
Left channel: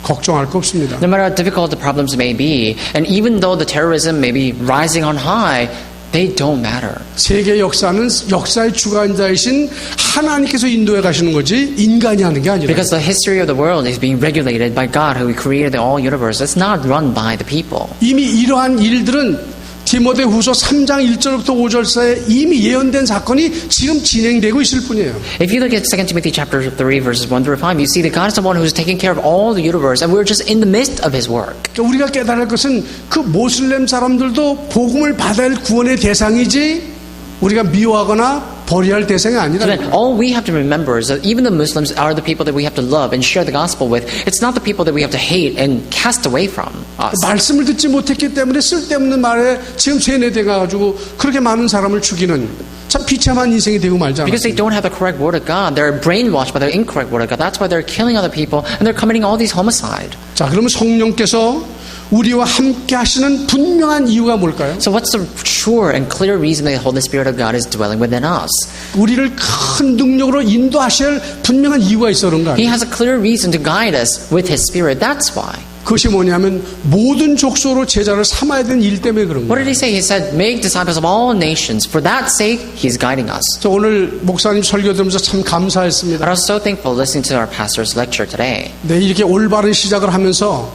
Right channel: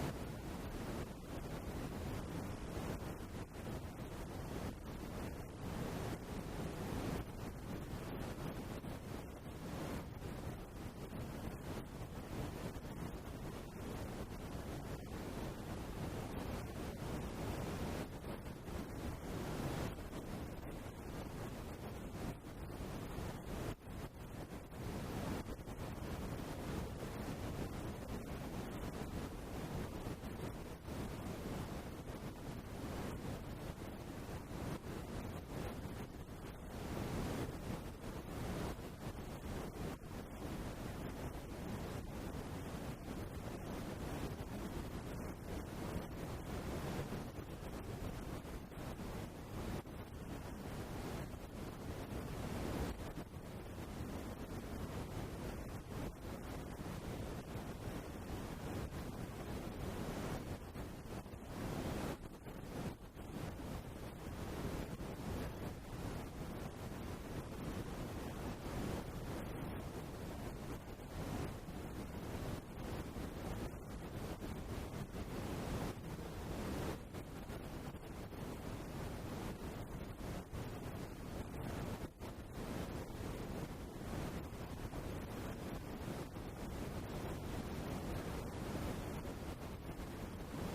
걱정할 거 없습니다. No matter how difficult the problems may be, and even though the terrorism may be rising on high, they don't matter. 세계 역사는 역사의 주관자이신 하나님께서 인도해 가시는 거지 인간이 하는 게 아니라. Because the history of the world is being regulated by God who created the whole universe. It's not run by the people. 이미 이러한 일들은 디모데후서 3장 1절부터 5절 사이에 이미 예언된 사건이 지금 진행되고 있을 뿐이에요. If you look at 2 Timothy chapter 3 verses 1 through 5, you see that God is the one who's taking care of all the universe and we're just in the midst of His work. 그러니까 우리가 깨달을 것은 그 모슬렘 사람들도 복음을 받아야 할 구원의 대상이지 우리가 미워하거나 버려야 할 대상이 So 아니라. then all we have to remember is that even the Muslims are the people that we have to love and share the gospel with. It's not the people that we have to hate and cast away from us. 말씀을 듣지 못했기 때문에 쓸데없는 말에 지금 세뇌돼가지고 그렇게 많은 사람을 죽이는 참 비참한 인생이 되고 말잖아요. Because they don't have the correct word of God. They're brainwashed by the incorrect word of God. That's why they're killing other people and they're committing all these homicide. 자, 그러면 성령께서 우리와 함께 하시는 분명한 이유가 뭘까요? So what's the sure and clear reason that the Holy Spirit of God is dwelling within us? 우리를 큰 능력으로 인도하셔야 할 분명한 이유가 있어 그런 거 He 아니에요? has a clear reason to guide us with His Spirit. That's why. 그것이 뭐냐면 모든 족속으로 제자를 삼아야 되는 일 때문에 그런 What 거예요. did He say? He said, make disciples of all nations. For that sake, He's guiding us. 저 오늘 목사님 설교 들으면서 참 감사했습니다. I was so thankful listening to our pastor's lecture today. 네, 이렇게 올바른 시작을 하면서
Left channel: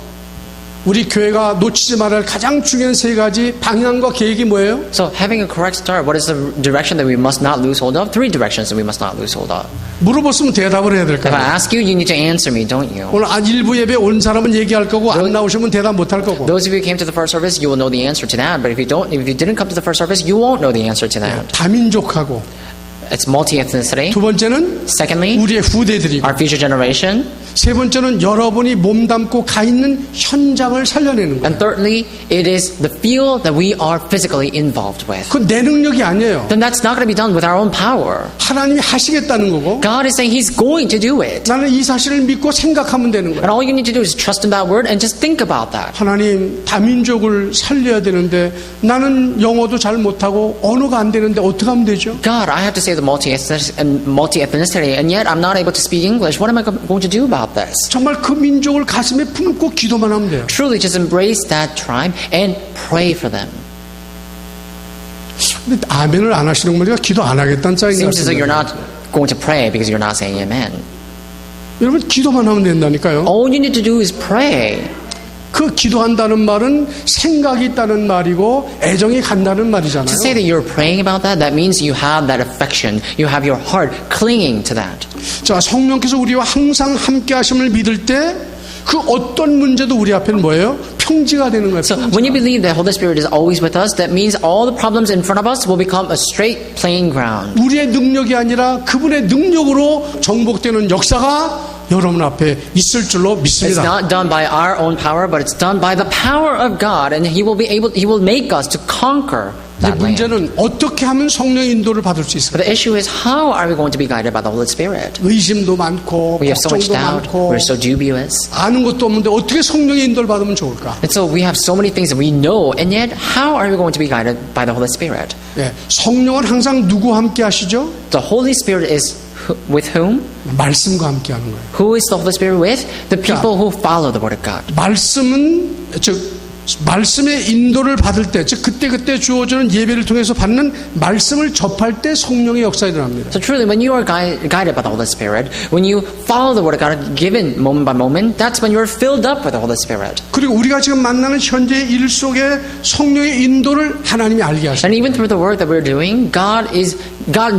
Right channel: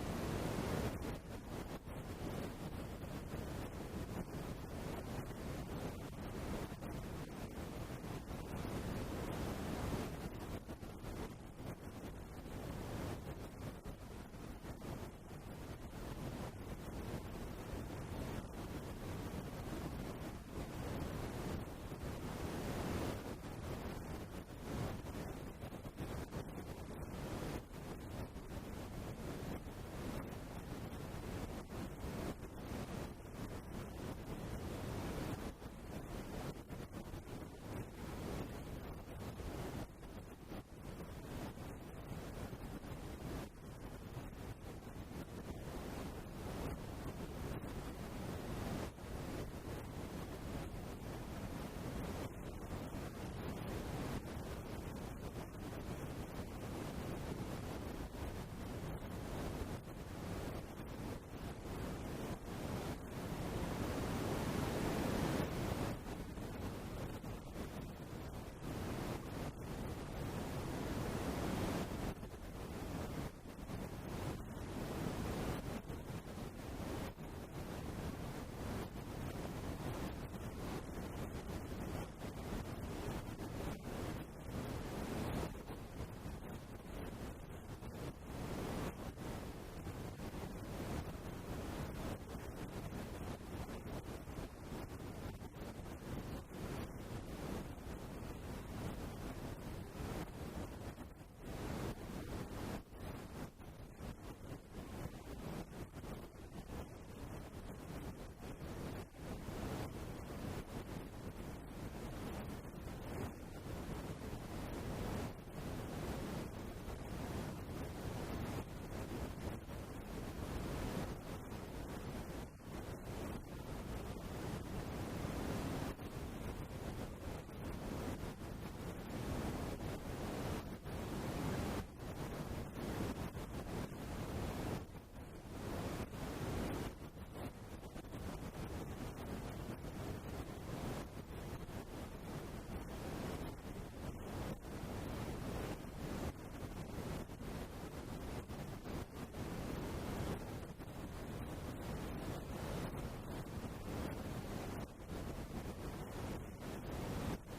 우리 교회가 놓치지 말아야 할 가장 중요한 세 가지 방향과 계획이 뭐예요? So having a correct start, what is the direction that we must not lose hold of? Three directions that we must not lose hold of. 물어봤으면 대답을 해야 될 If I 거예요. ask you, you need to answer me, don't you? 오늘 일부 예배 온 사람은 얘기할 거고 안 나오시면 대답 못 할 거고. Those of you who came to the first service, you will know the answer to that. But if you didn't come to the first service, you won't know the answer to that. 다민족하고 It's multi-ethnicity. 두 번째는 Secondly, 우리의 후대들이고 our future generation. 세 번째는 여러분이 몸담고 가 있는 현장을 살려내는 거예요. And thirdly, it is the field that we are physically involved with. 그건 내 능력이 아니에요. Then that's not going to be done with our own power. 하나님이 하시겠다는 거고 God is saying He's going to do it. 나는 이 사실을 믿고 생각하면 되는 거예요. And all you need to do is trust in that word and just think about that. 하나님 다민족을 살려야 되는데 나는 영어도 잘 못하고 언어가 안 되는데 어떻게 하면 되죠? God, I have to say the multi-ethnicity, and yet I'm not able to speak English. What am I going to do about this? 정말 그 민족을 가슴에 품고 기도만 하면 돼요. Truly, just embrace that tribe and pray for them. 근데 아멘을 안 하시는 거 보니까 기도 안 하겠다는 짝인 것 Seems as though you're 같습니다. not going to pray because you're not saying amen. 여러분 기도만 하면 된다니까요. All you need to do is pray. 그 기도한다는 말은 생각이 있다는 말이고 애정이 간다는 말이잖아요. To say that you're praying about that, that means you have that affection. You have your heart clinging to that. 자, 성령께서 우리와 항상 함께 하심을 믿을 때 그 어떤 문제도 우리 앞에는 뭐예요? 평지가 되는 거예요. So when you believe that Holy Spirit is always with us, that means all the problems in front of us will become a straight playing ground. 우리의 능력이 아니라 그분의 능력으로 정복되는 역사가 여러분 앞에 있을 줄로 It's 믿습니다. not done by our own power, but it's done by the power of God, and He will make us to conquer 이제 that land. 문제는 어떻게 하면 성령의 인도를 받을 수 있을까? But the issue is, how are we going to be guided by the Holy Spirit? 의심도 많고 We have so much 걱정도 doubt. 많고 We're so dubious. 아는 것도 없는데 어떻게 성령의 인도를 받으면 좋을까? And so we have so many things that we know, and yet how are we going to be guided by the Holy Spirit? 예, 성령은 항상 누구와 함께 하시죠? The Holy Spirit is with whom? 말씀과 함께 하는 거예요. Who is the Holy Spirit with? The people who follow the Word of God. 말씀의 인도를 받을 때, 즉 그때 주어지는 예배를 통해서 받는 말씀을 접할 때 성령의 역사가 일어납니다. So truly, when you are guided by the Holy Spirit, when you follow the Word of God given moment by moment, that's when you're filled up with the Holy Spirit. 그리고 우리가 지금 만나는 현재의 일 속에 성령의 인도를 하나님이 알게 하십니다. And even through the work that we're doing, God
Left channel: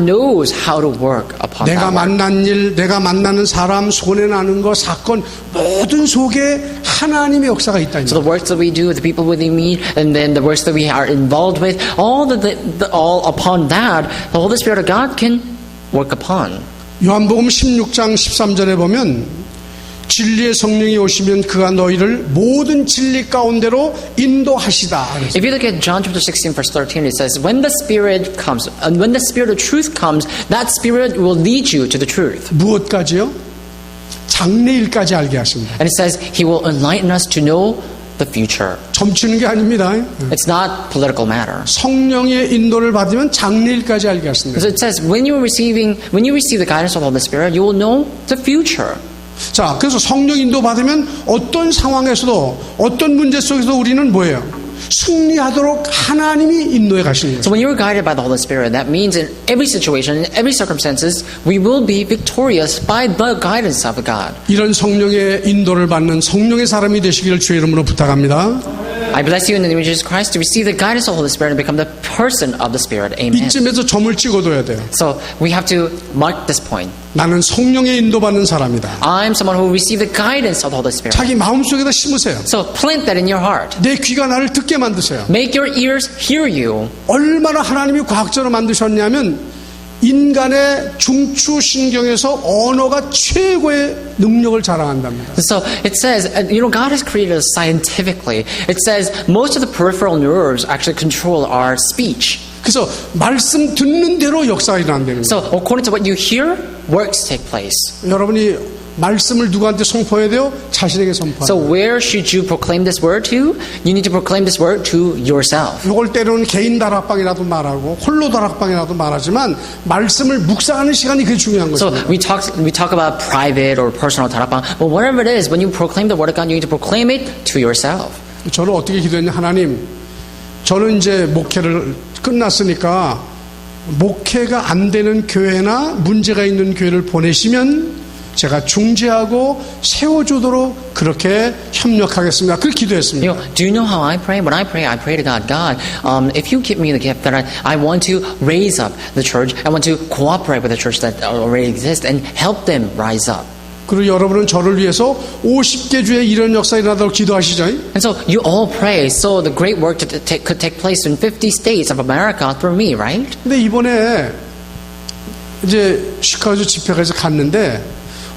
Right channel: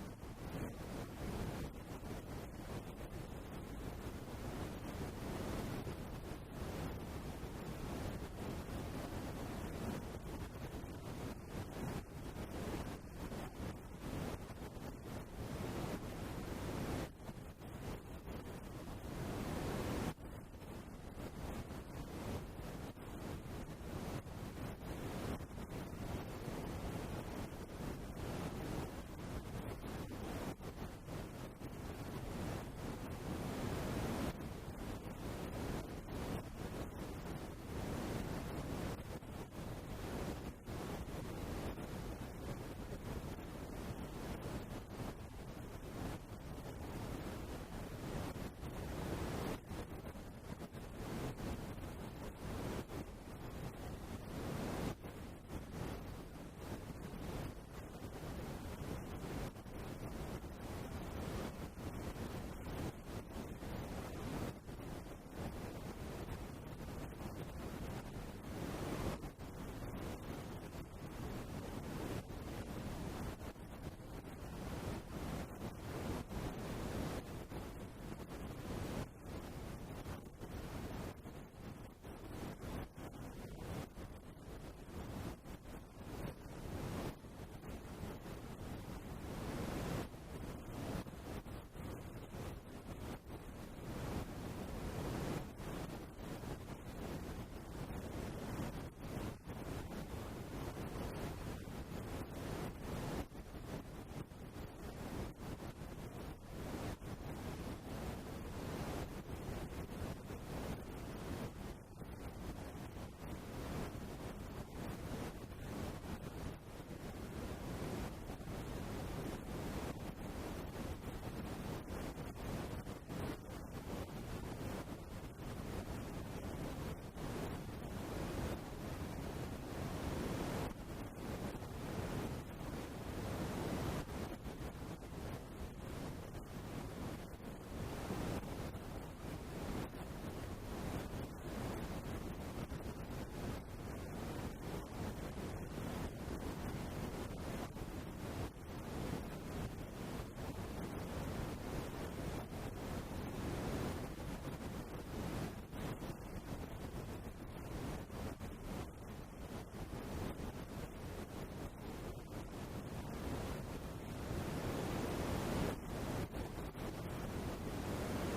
knows how to work upon 내가 that work. 만난 일, 내가 만나는 사람, 손에 나는 거, 사건 모든 속에 하나님의 역사가 있다. So the works that we do, the people we meet, and then the works that we are involved with, all upon that, the Holy Spirit of God can work upon. 요한복음 16장 13절에 보면 진리의 성령이 오시면 그가 너희를 모든 진리 가운데로 인도하시다. If you look at John chapter 16 verse 13, it says, when the Spirit comes, and when the Spirit of truth comes, that Spirit will lead you to the truth. 무엇까지요? 장래일까지 알게 하십니다. And it says, He will enlighten us to know the future. 점치는 게 아닙니다. It's not political matter. 성령의 인도를 받으면 장래일까지 알게 하십니다. So it says, when you receive the guidance of the Holy Spirit, you will know the future. 자, 그래서 성령 인도 받으면 어떤 상황에서도 어떤 문제 속에서도 우리는 뭐예요? 승리하도록 하나님이 인도해 가시는 거예요. So when you're guided by the Holy Spirit, that means in every situation, in every circumstances, we will be victorious by the guidance of God. 이런 성령의 인도를 받는 성령의 사람이 되시기를 주의 이름으로 부탁합니다. I bless you in the name of Jesus Christ to receive the guidance of the Holy Spirit and become the person of the Spirit. Amen. 이쯤에서 점을 찍어둬야 돼요. So we have to mark this point. 나는 성령의 인도받는 사람이다. I'm someone who will receive the guidance of the Holy Spirit. 자기 마음속에다 심으세요. So plant that in your heart. 내 귀가 나를 듣게 만드세요. Make your ears hear you. 얼마나 하나님이 과학적으로 만드셨냐면 인간의 중추신경에서 언어가 최고의 능력을 자랑한답니다. So it says, God has created us scientifically. It says most of the peripheral nerves actually control our speech. 그래서 말씀 듣는 대로 역사가 일어난다는 거예요. So according to what you hear, works take place. 여러분이 말씀을 누구한테 선포해야 돼요? 자신에게 선포해야 So 돼요. where should you proclaim this word to? You need to proclaim this word to yourself. 이걸 때로는 개인 다락방이라도 말하고 홀로 다락방이라도 말하지만 말씀을 묵상하는 시간이 그게 중요한 So 거죠. we talk about private or personal tarapang, but whatever it is, when you proclaim the word of God, you need to proclaim it to yourself. 저는 어떻게 기도했냐? 하나님, 저는 이제 목회를 끝났으니까 목회가 안 되는 교회나 문제가 있는 교회를 보내시면 제가 중재하고 세워주도록 그렇게 협력하겠습니다. 그렇게 기도했습니다. You know, do you know how I pray? When I pray to God, God, if you give me the gift that I want to raise up the church, I want to cooperate with the church that already exists and help them rise up. 그리고 여러분은 저를 위해서 50개 주에 이런 역사 일어나도록 기도하시죠. And so you all pray so the great work could take place in 50 states of America through me, right? 근데 이번에 이제 시카고 집회가서 갔는데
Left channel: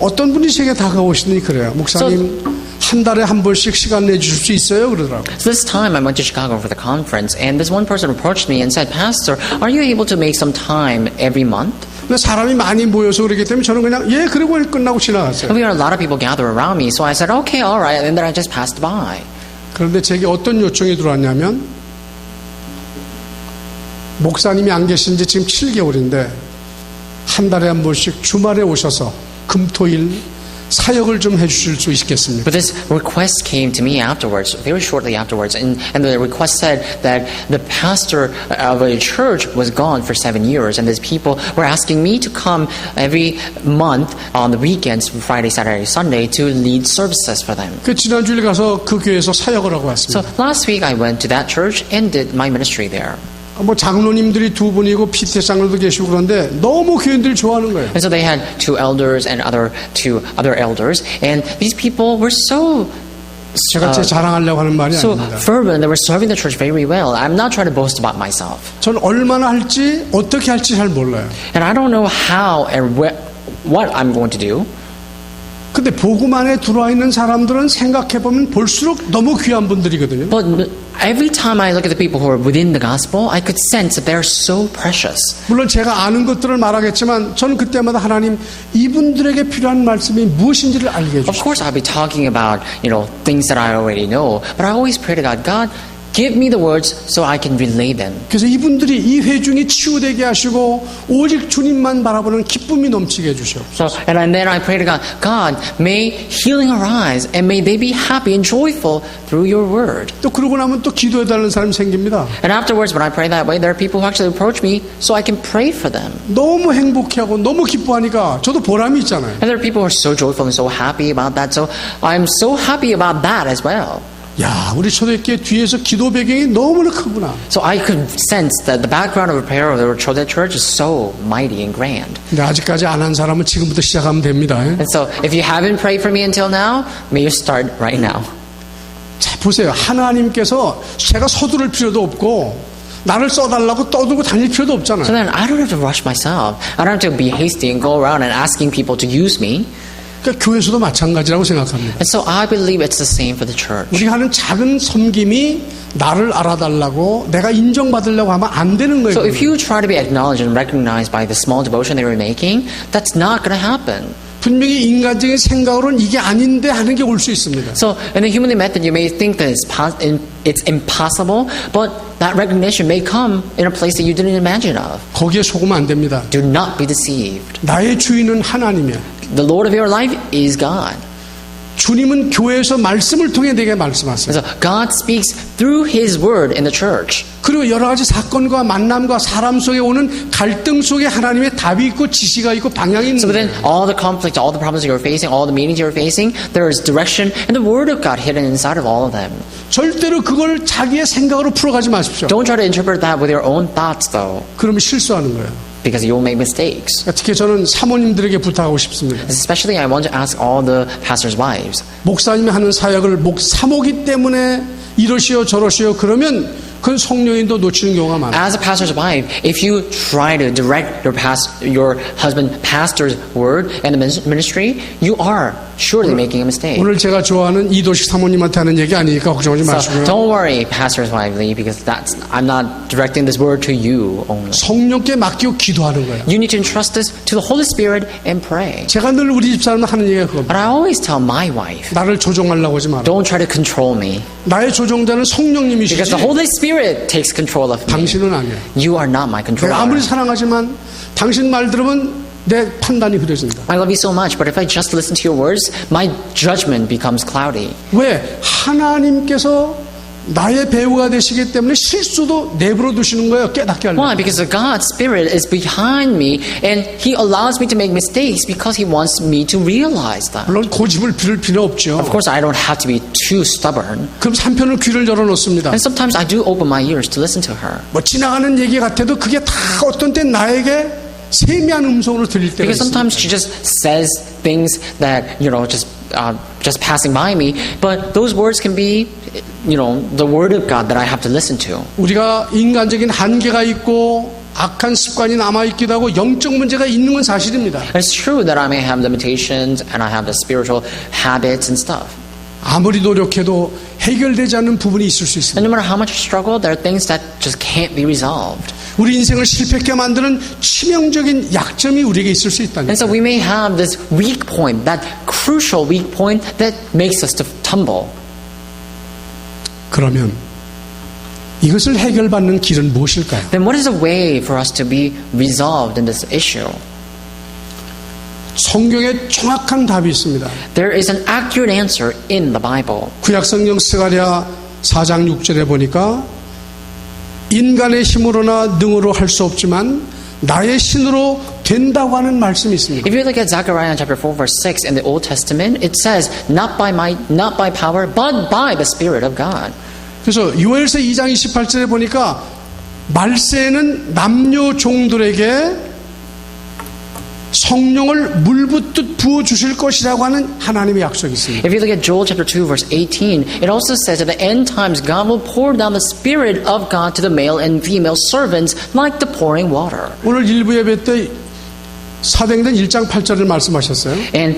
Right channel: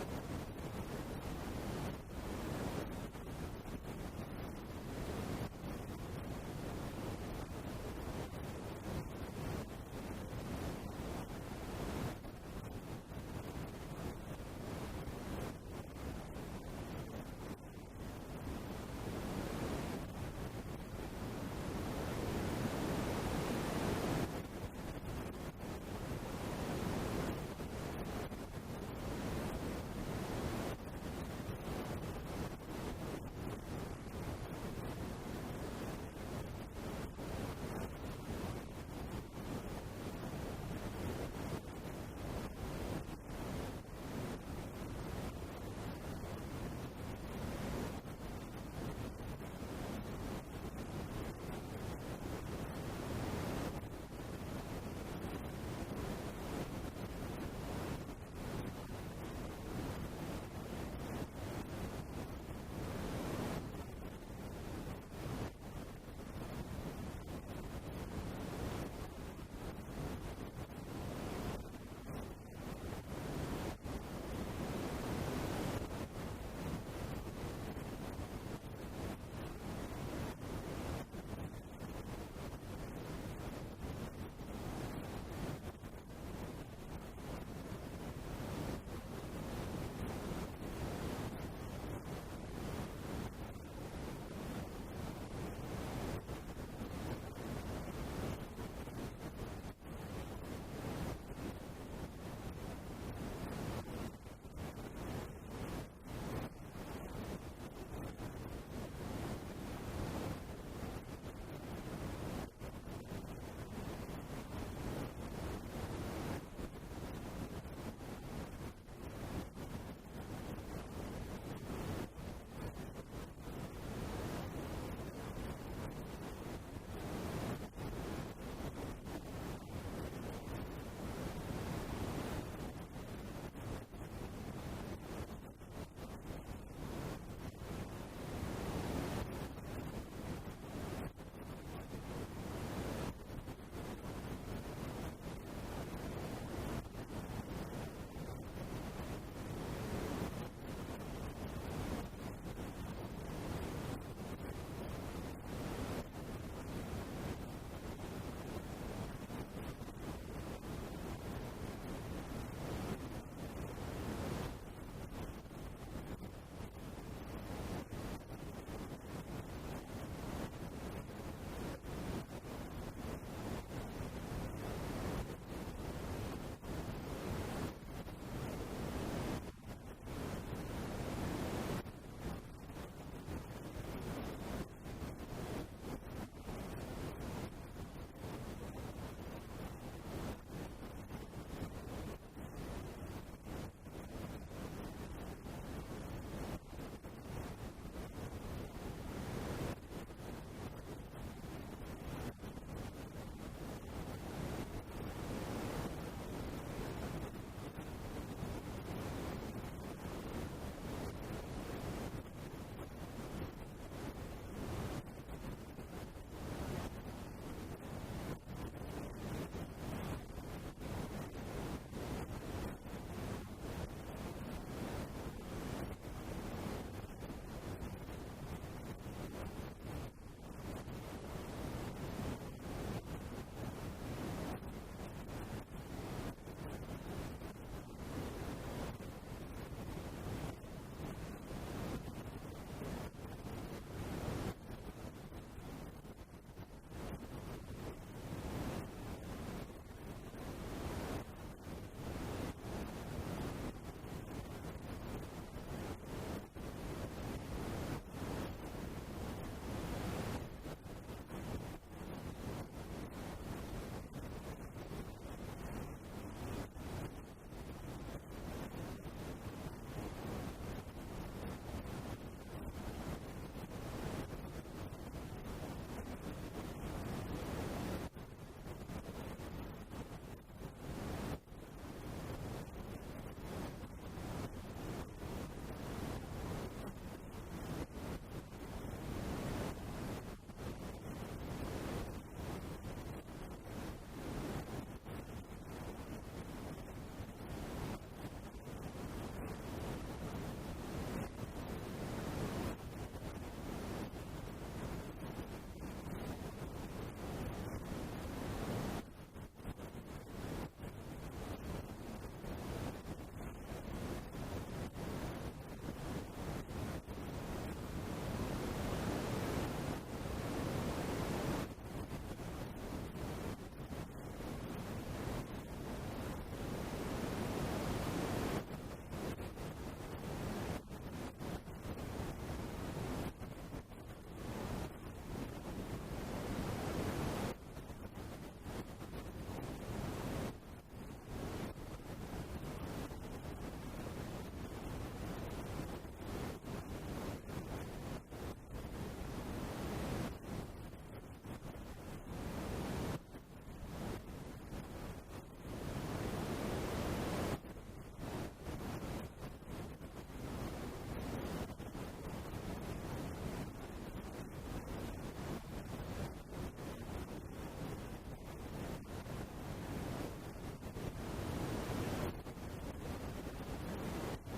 어떤 분이 제게 다가오시더니 그래요. 목사님 한 달에 한 번씩 시간 내주실 수 있어요? 그러더라고요. So this time I went to Chicago for the conference, and this one person approached me and said, Pastor, are you able to make some time every month? 근데 사람이 많이 모여서 그러기 때문에 저는 그냥 예 그러고 끝나고 지나갔어요. We had a lot of people gather around me, so I said, okay, all right, and then I just passed by. 그런데 제게 어떤 요청이 들어왔냐면 목사님이 안 계신 지 지금 7개월인데 한 달에 한 번씩 주말에 오셔서 금토일 사역을 좀 해주실 수 있겠습니까? But this request came to me afterwards, very shortly afterwards, and the request said that the pastor of a church was gone for 7 years, and these people were asking me to come every month on the weekends, Friday, Saturday, Sunday, to lead services for them. 그 지난주에 가서 그 교회에서 사역을 하고 왔습니다. So last week I went to that church and did my ministry there. 뭐 장로님들이 두 분이고 피태 장로도 계시고 그런데 너무 교인들이 좋아하는 거예요. And so they had 2 elders and two other elders, and these people were so 제가 제 자랑하려고 하는 말이 so 아닙니다. fervent. They were serving the church very well. I'm not trying to boast about myself, 전 얼마나 할지 어떻게 할지 잘 몰라요. and I don't know how and what I'm going to do. 근데 복음 안에 들어와 있는 사람들은 생각해보면 볼수록 너무 귀한 분들이거든요. But every time I look at the people who are within the gospel, I could sense that they're so precious. 물론 제가 아는 것들을 말하겠지만 저는 그때마다 하나님 이분들에게 필요한 말씀이 무엇인지를 알게 Of 해주시죠. course, I'll be talking about things that I already know, but I always pray to God, God, give me the words so I can relay them. 그래서 이분들이 이 회중이 치유되게 하시고 오직 주님만 바라보는 기쁨이 넘치게 해주시오. So, and then I pray to God, God, may healing arise and may they be happy and joyful through your word. 또 그러고 나면 또 기도해달라는 사람이 생깁니다. And afterwards, when I pray that way, there are people who actually approach me so I can pray for them. 너무 행복해하고 너무 기뻐하니까 저도 보람이 있잖아요. And there are people who are so joyful and so happy about that, so I'm so happy about that as well. 야, 우리 초대교회 뒤에서 기도 배경이 너무나 크구나. So I could sense that the background of a prayer of the Chodet Church is so mighty and grand. 근데 아직까지 안 한 사람은 지금부터 시작하면 됩니다. And so if you haven't prayed for me until now, may you start right now. 자, 보세요. 하나님께서 제가 서두를 필요도 없고 나를 써달라고 떠들고 다닐 필요도 없잖아요. So then I don't have to rush myself. I don't have to be hasty and go around and asking people to use me. 그러니까 교회에서도 마찬가지라고 생각합니다. And so I believe it's the same for the church. 우리가 하는 작은 섬김이 나를 알아달라고 내가 인정받으려고 하면 안 되는 거예요. So if you try to be acknowledged and recognized by the small devotion that you're making, that's not going to happen. 분명히 인간적인 생각으로는 이게 아닌데 하는 게 올 수 있습니다. So in the humanly method, you may think that it's impossible, but that recognition may come in a place that you didn't imagine of. 거기에 속으면 안 됩니다. Do not be deceived. 나의 주인은 하나님이야. The Lord of your life is God. 주님은 교회에서 말씀을 통해 내게 말씀하세요. So God speaks through His word in the church. 그리고 여러 가지 사건과 만남과 사람 속에 오는 갈등 속에 하나님의 답이 있고 지시가 있고 방향이 있는 So within 거예요. all the conflict, all the problems you're facing, all the meetings you're facing, there is direction and the word of God hidden inside of all of them. 절대로 그걸 자기의 생각으로 풀어가지 마십시오. Don't try to interpret that with your own thoughts, though, 그러면 실수하는 거예요. because you will make mistakes. 특히 저는 사모님들에게 부탁하고 싶습니다. Especially, I want to ask all the pastors' wives. 목사님이 하는 사역을 사모기 때문에 이러시오 저러시오 그러면 그건 성령인도 놓치는 경우가 많아요. As a pastor's wife, if you try to direct your husband pastor's word and the ministry, you are surely making a mistake. 오늘 제가 좋아하는 이도식 사모님한테 하는 얘기 아니니까 걱정하지 So 마시고요. don't worry, pastor's wife Lee, because I'm not directing this word to you only. 성령께 맡기고 기도하는 거예요. You need to entrust this to the Holy Spirit and pray. 제가 늘 우리 집사람 하는 얘기가 그겁니다. But I always tell my wife, 나를 조종하려고 하지 마라. don't try to control me, 나의 조종자는 성령님이시지 because the Holy Spirit takes control of me. 당신은 아니야. You are not my 내가 아무리 controller. 사랑하지만 당신 말 들으면 내 판단이 흐려진다. I love you so much, but if I just listen to your words, my judgment becomes cloudy. 왜? 하나님께서 나의 배우가 되시기 때문에 실수도 내버려 두시는 거예요. 깨닫게 하려고. Why? Because the God's Spirit is behind me and He allows me to make mistakes because He wants me to realize that. 물론 고집을 부릴 필요 없죠. Of course, I don't have to be too stubborn. 그럼 한편은 귀를 열어놓습니다. And sometimes I do open my ears to listen to her. 뭐 지나가는 얘기 같아도 그게 다 어떤 때 나에게 세미한 음성으로 들릴 때가 Because 있습니다. sometimes she just says things that, just passing by me, but those words can be, the word of God that I have to listen to. 우리가 인간적인 한계가 있고 악한 습관이 남아있기도 하고 영적 문제가 있는 건 사실입니다. It's true that I may have limitations and I have the spiritual habits and stuff. 아무리 노력해도 해결되지 않는 부분이 있을 수 있습니다. And no matter how much I struggle, there are things that just can't be resolved. 우리 인생을 실패하게 만드는 치명적인 약점이 우리에게 있을 수 있다는 And so we may have this weak point, that crucial weak point that makes us to tumble. 그러면 이것을 해결받는 길은 무엇일까요? Then what is the way for us to be resolved in this issue? 성경에 정확한 답이 있습니다. There is an accurate answer in the Bible. 구약성경 스가랴 4장 6절에 보니까 인간의 힘으로나 능으로 할 수 없지만 나의 신으로 된다고 하는 말씀이 있습니다. If you look at Zechariah chapter 4 verse 6 in the Old Testament, it says, not by might, not by power, but by the Spirit of God. 그래서 요엘서 2장 28절에 보니까 말세에는 남녀 종들에게 성령을 물붓듯 부어주실 것이라고 하는 하나님의 약속이 있습니다. If you look at Joel chapter 2 verse 18, it also says at the end times God will pour down the Spirit of God to the male and female servants like the pouring water. 오늘 일부 예배 때 사도행전 1장 8절을 말씀하셨어요. And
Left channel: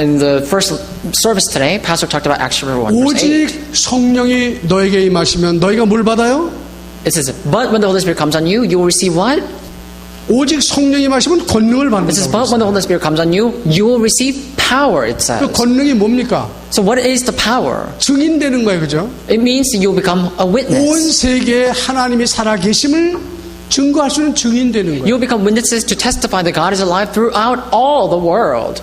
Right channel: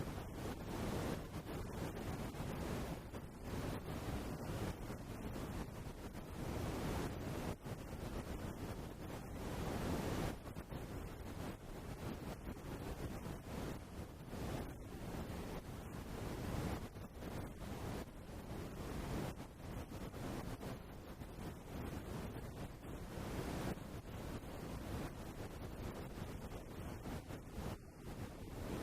in the first service today, Pastor talked about Acts chapter 1 verse 8. 오직 성령이 너에게 임하시면 너희가 뭘 받아요? It says, but when the Holy Spirit comes on you, you will receive what? 오직 성령이 임하시면 권능을 It says, 받는다. but when the Holy Spirit comes on you, you will receive power, it 그 says. 권능이 뭡니까? So what is the power? 증인되는 거예요, 그죠? It means that you'll become a 온 witness. 세계에 하나님이 살아계심을 증거할 수 있는 증인되는 거예요. You'll become witnesses to testify that God is alive throughout all the world.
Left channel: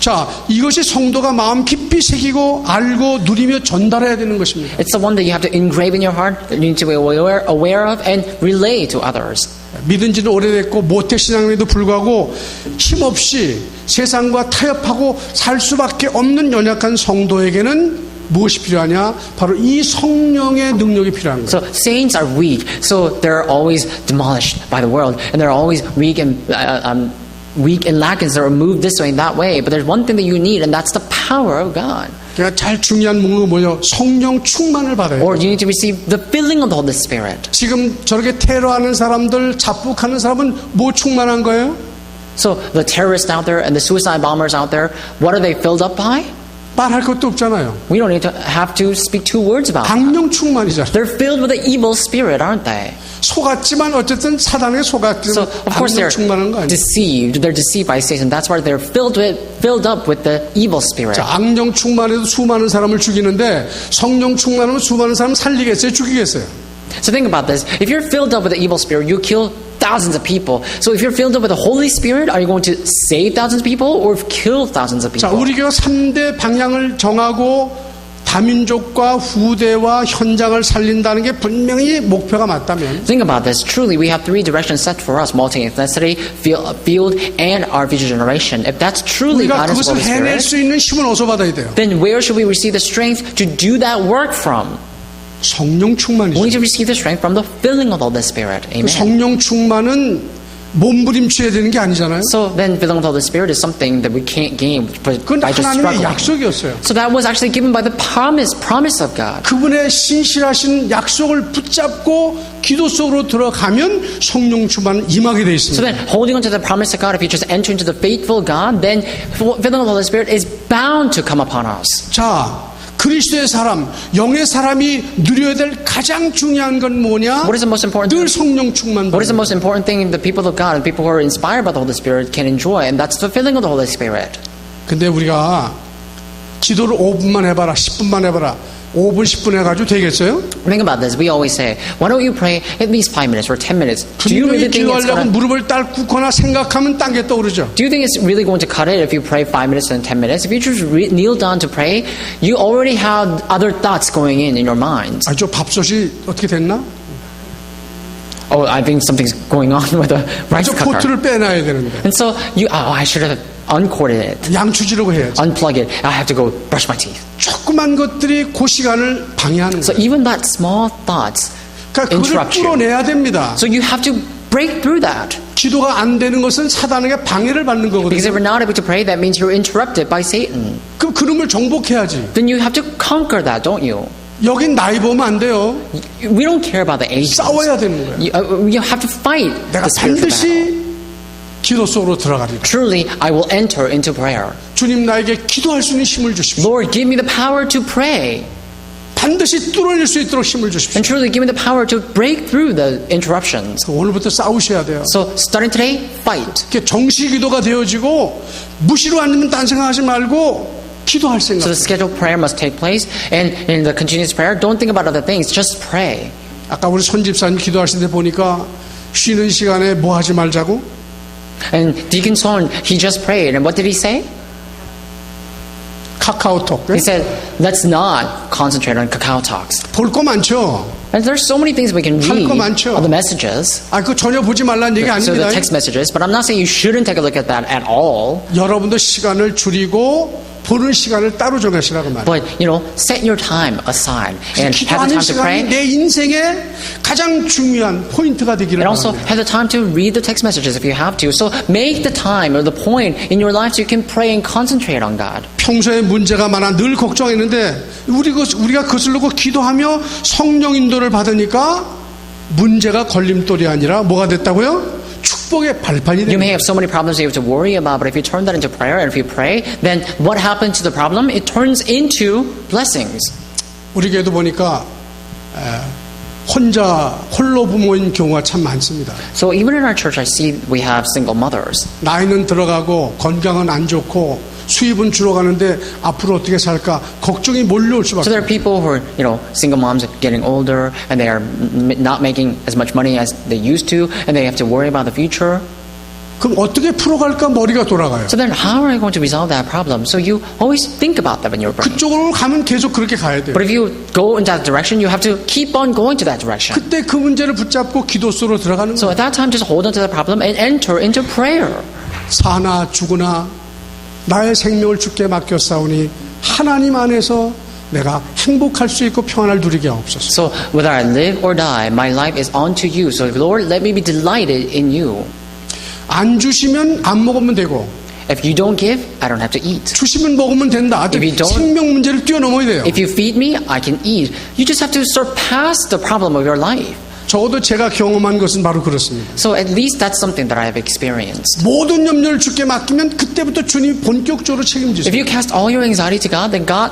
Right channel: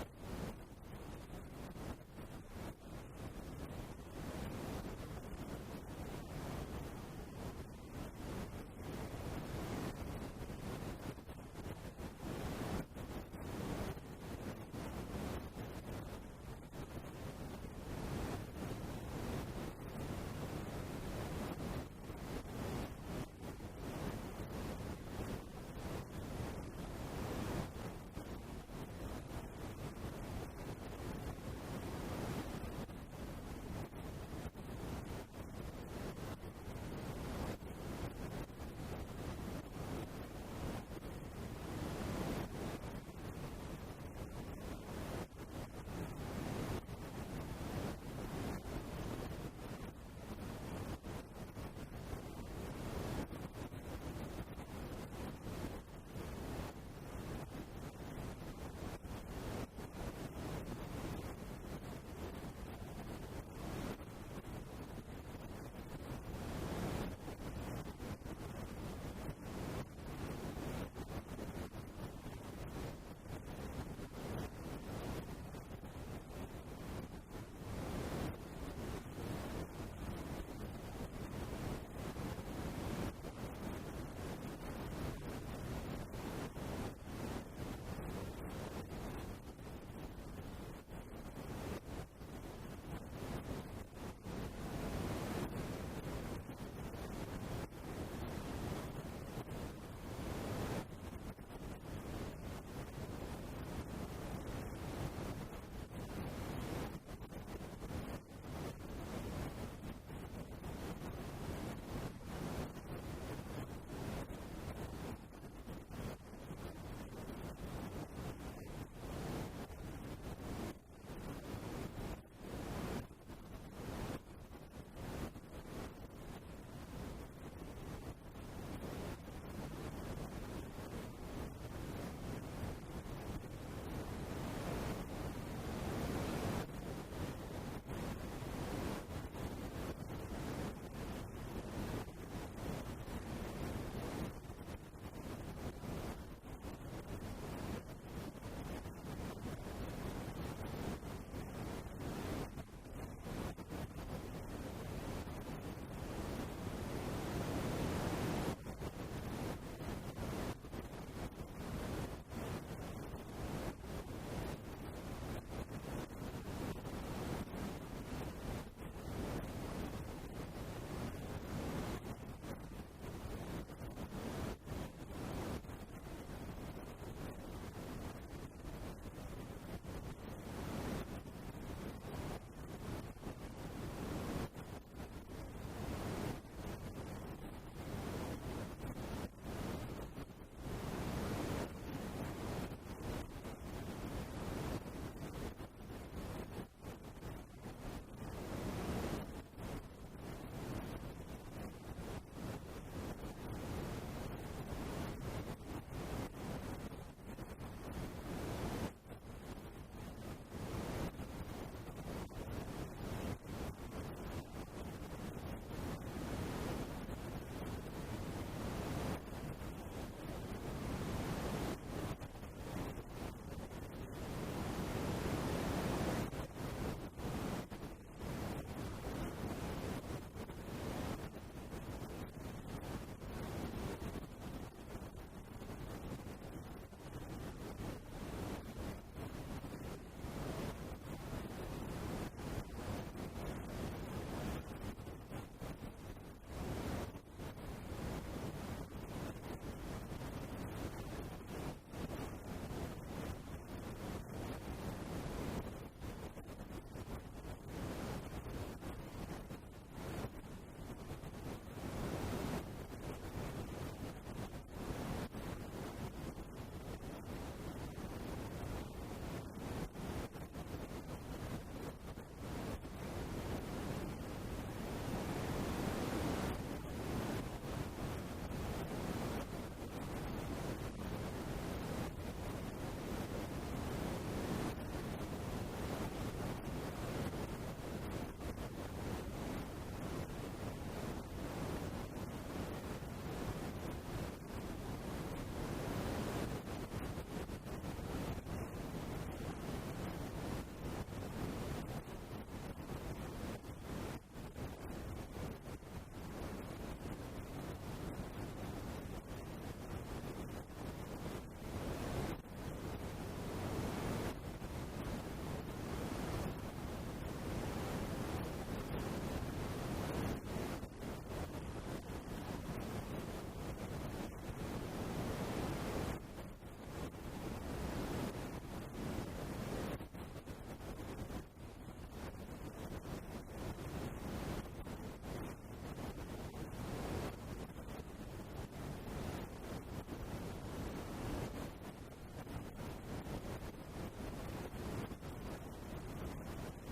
자, 이것이 성도가 마음 깊이 새기고 알고 누리며 전달해야 되는 것입니다. It's the one that you have to engrave in your heart, that you need to be aware of, and relay to others. 믿은 지는 오래됐고 모태신앙임에도 불구하고 힘없이 세상과 타협하고 살 수밖에 없는 연약한 성도에게는 무엇이 필요하냐? 바로 이 성령의 능력이 필요한 거예요. So saints are weak, so they're always demolished by the world, and they're always weak and lacking. They're moved this way and that way. But there's one thing that you need, and that's the power of God. 그러니까 제일 중요한 목록은 뭐예요? 성령 충만을 받아야 Or 돼요. you need to receive the filling of the Holy Spirit. 지금 저렇게 테러하는 사람들, 자폭하는 사람은 뭐 충만한 거예요? So the terrorists out there and the suicide bombers out there, what are they filled up by? 말할 것도 없잖아요. We don't need to have to speak two words about it. 강령 충만이잖아요. They're filled with the evil spirit, aren't they? 속았지만 어쨌든 사단에 So 속았지만 of course 강령 they're 충만한 거 아니에요? deceived. They're deceived by Satan. That's why they're filled up with the evil spirit. 자, 악령 충만해도 수많은 사람을 죽이는데 성령 충만하면 수많은 사람 살리겠어요? 죽이겠어요? So think about this. If you're filled up with the evil spirit, you kill thousands of people. So if you're filled up with the Holy Spirit, are you going to save thousands of people or kill thousands of 자, people? 우리 교회 3대 방향을 정하고 다민족과 후대와 현장을 살린다는 게 분명히 목표가 맞다면 Think about this. Truly, we have three directions set for us: multi-ethnicity, field, and our future generation. If that's truly 우리가 God and His 그것을 Holy 해낼 Spirit, 수 있는 힘을 어디서 받아야 돼요? then where should we receive the strength to do that work from? 성령 We need 충만이죠. to receive the strength from the filling of the Holy Spirit. 그 Amen. 성령 충만은 몸부림쳐야 되는 게 아니잖아요. So then, filling of the Holy Spirit is something that we can't gain 그건 by just 하나님의 struggling. 약속이었어요. So that was actually given by the promise of God. 그분의 신실하신 약속을 붙잡고 기도 속으로 들어가면 성령 충만은 임하게 돼 So 있습니다. then, holding on to the promise of God, if you just enter into the faithful God, then filling of the Holy Spirit is bound to come upon us. 자, 그리스도의 사람, 영의 사람이 누려야 될 가장 중요한 건 뭐냐? What is the most important 늘 thing? 성령 충만. What is the most important thing the people of God and people who are inspired by the Holy Spirit can enjoy? And that's the filling of the Holy Spirit. 근데 우리가 기도를 5분만 해봐라, 10분만 해봐라. 5분, 10분 해가지고 되겠어요? Think about this. We always say, why don't you pray at least 5 minutes or 10 minutes? Do you really 분명히 think it's 기도하려고 gonna, 무릎을 딱 꿇거나 생각하면 딴 게 떠오르죠. do you think it's really going to cut it if you pray 5 minutes and 10 minutes? If you just kneel down to pray, you already have other thoughts going in your mind. 저 밥솥이 어떻게 됐나? Oh, I think something's going on with the rice 저 cooker. 포트를 빼놔야 되는데. And so I should have uncorded it, 양추지라고 해야지. unplug it. I have to go brush my teeth. 조그만 것들이 그 시간을 방해하는 So 거예요. even that small thoughts 그러니까 그걸 interrupt you. 뚫어내야 됩니다. So you have to break through that. 기도가 안 되는 것은 사단에게 방해를 받는 Because if 거거든요. you're not able to pray, that means you're interrupted by Satan. 그럼 그놈을 정복해야지. Then you have to conquer that, don't you? 여긴 나이 보면 안 돼요. We don't care about the age. 싸워야 되는 거예요. You have to fight 내가 the spiritual battle. 반드시 기도 속으로 들어가리라. Truly, I will enter into prayer. 주님 나에게 기도할 수 있는 힘을 주십시오. Lord, give me the power to pray. 반드시 뚫어낼 수 있도록 힘을 주십시오. And truly, give me the power to break through the interruptions. 오늘부터 싸우셔야 돼요. So, starting today, fight. 이렇게 정시 기도가 되어지고 무시로 앉으면 딴 생각하지 말고 기도할 So 생각. the scheduled prayer must take place, and in the continuous prayer, don't think about other things, just pray. 아까 우리 손 집사님 기도하실 때 보니까 쉬는 시간에 뭐 하지 말자고? And Deacon Son, he just prayed, and what did he say? 카카오톡. He said, let's not concentrate on Kakao Talks. 볼 거 많죠? And there's so many things we can 할 read 거 많죠. of the messages. 그거 전혀 보지 말라는 얘기 So the 아닙니다. text messages, but I'm not saying you shouldn't take a look at that at all. 여러분도 시간을 줄이고 보는 시간을 따로 정하시라고 말이에요. But, set your time aside and have 기도하는 the time to 시간이 pray. 내 인생의 가장 중요한 포인트가 되기를 And also 바랍니다. have the time to read the text messages if you have to. So make the time or the point in your life so you can pray and concentrate on God. 평소에 문제가 많아 늘 걱정했는데 우리가 그것을 놓고 기도하며 성령 인도를 받으니까 문제가 걸림돌이 아니라 뭐가 됐다고요? 축복의 발판이 You may 됩니다. have so many problems you have to worry about, but if you turn that into prayer and if you pray, then what happened to the problem? It turns into blessings. 우리 교회도 보니까 홀로 부모인 경우가 참 많습니다. So even in our church, I see we have single mothers. 나이는 들어가고 건강은 안 좋고 수입은 줄어가는데 앞으로 어떻게 살까 걱정이 몰려올 So 수밖에 there are 없어요. people who are, single moms getting older and they are not making as much money as they used to, and they have to worry about the future. 그럼 어떻게 풀어갈까 머리가 돌아가요. So then how are you going to resolve that problem? So you always think about that in your brain. 그쪽으로 가면 계속 그렇게 가야 돼요. But if you go in that direction, you have to keep on going to that direction. 그때 그 문제를 붙잡고 기도 속으로 들어가는 So 거예요. at that time, just hold on to the problem and enter into prayer. 사나 죽으나 나의 생명을 주께 맡겼사오니 하나님 안에서 내가 행복할 수 있고 평안을 누리게 하옵소서. So whether I live or die, my life is unto you. So Lord, let me be delighted in you. 안 주시면 안 먹으면 되고 If you don't give, I don't have to eat. 주시면 먹으면 된다. If you don't- 생명 문제를 뛰어넘어야 돼요. If you feed me, I can eat. You just have to surpass the problem of your life. 적어도 제가 경험한 것은 바로 그렇습니다. So at least that's something that I have experienced. 모든 염려를 주께 맡기면 그때부터 주님이 본격적으로 If 책임지세요. you cast all your anxiety to God, then God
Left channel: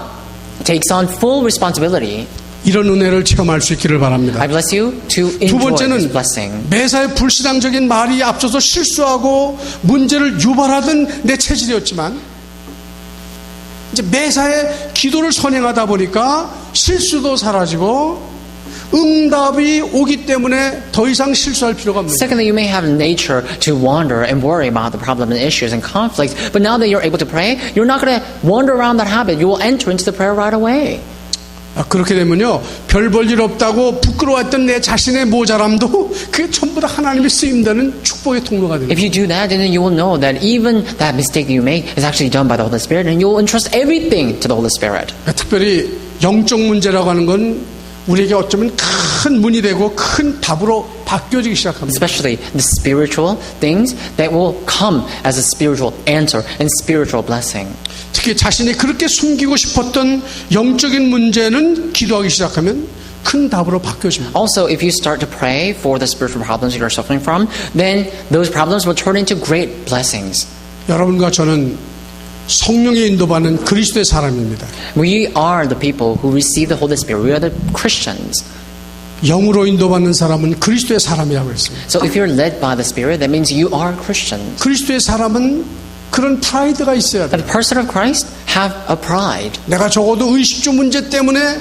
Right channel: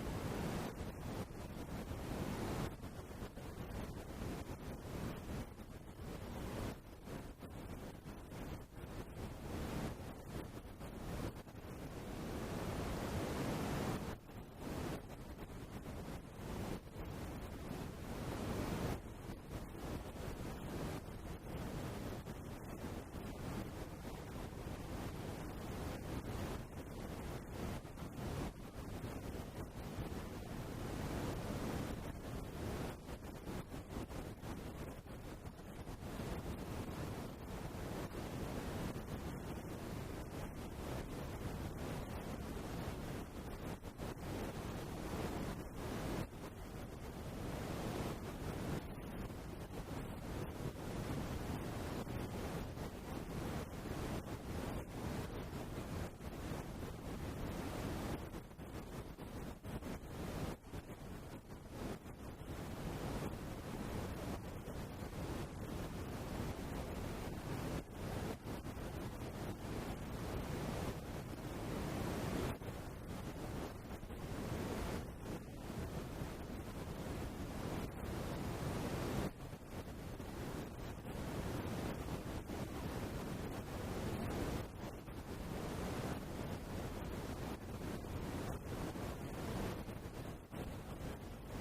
takes on full responsibility. 이런 은혜를 체험할 수 있기를 바랍니다. I bless you to 두 enjoy this 번째는 blessing. 매사에 불신앙적인 말이 앞서서 실수하고 문제를 유발하던 내 체질이었지만 이제 매사에 기도를 선행하다 보니까 실수도 사라지고 응답이 오기 때문에 더 이상 실수할 필요가 없는 거예요. Secondly, you may have nature to wander and worry about the problems and issues and conflicts, but now that you're able to pray, you're not going to wander around that habit. You will enter into the prayer right away. 그렇게 되면요 별 볼 일 없다고 부끄러워했던 내 자신의 모자람도 그게 전부 다 하나님의 쓰임되는 축복의 통로가 됩니다. If you do that, then you will know that even that mistake you make is actually done by the Holy Spirit, and you will entrust everything to the Holy Spirit. 특별히 영적 문제라고 하는 건 우리에게 어쩌면 큰 문이 되고 큰 답으로 바뀌어지기 시작합니다. Especially the spiritual things that will come as a spiritual answer and spiritual blessing. 특히 자신이 그렇게 숨기고 싶었던 영적인 문제는 기도하기 시작하면 큰 답으로 바뀌어집니다. Also, if you start to pray for the spiritual problems you're suffering from, then those problems will turn into great blessings. 여러분과 저는 성령의 인도받는 그리스도의 사람입니다. We are the people who receive the Holy Spirit. We are the Christians. 영으로 인도받는 사람은 그리스도의 사람이라고 했습니다. So if you're led by the Spirit, that means you are Christians. 그리스도의 사람은 그런 프라이드가 있어야 돼요. The person of Christ have a pride. 내가 적어도 의식주 문제 때문에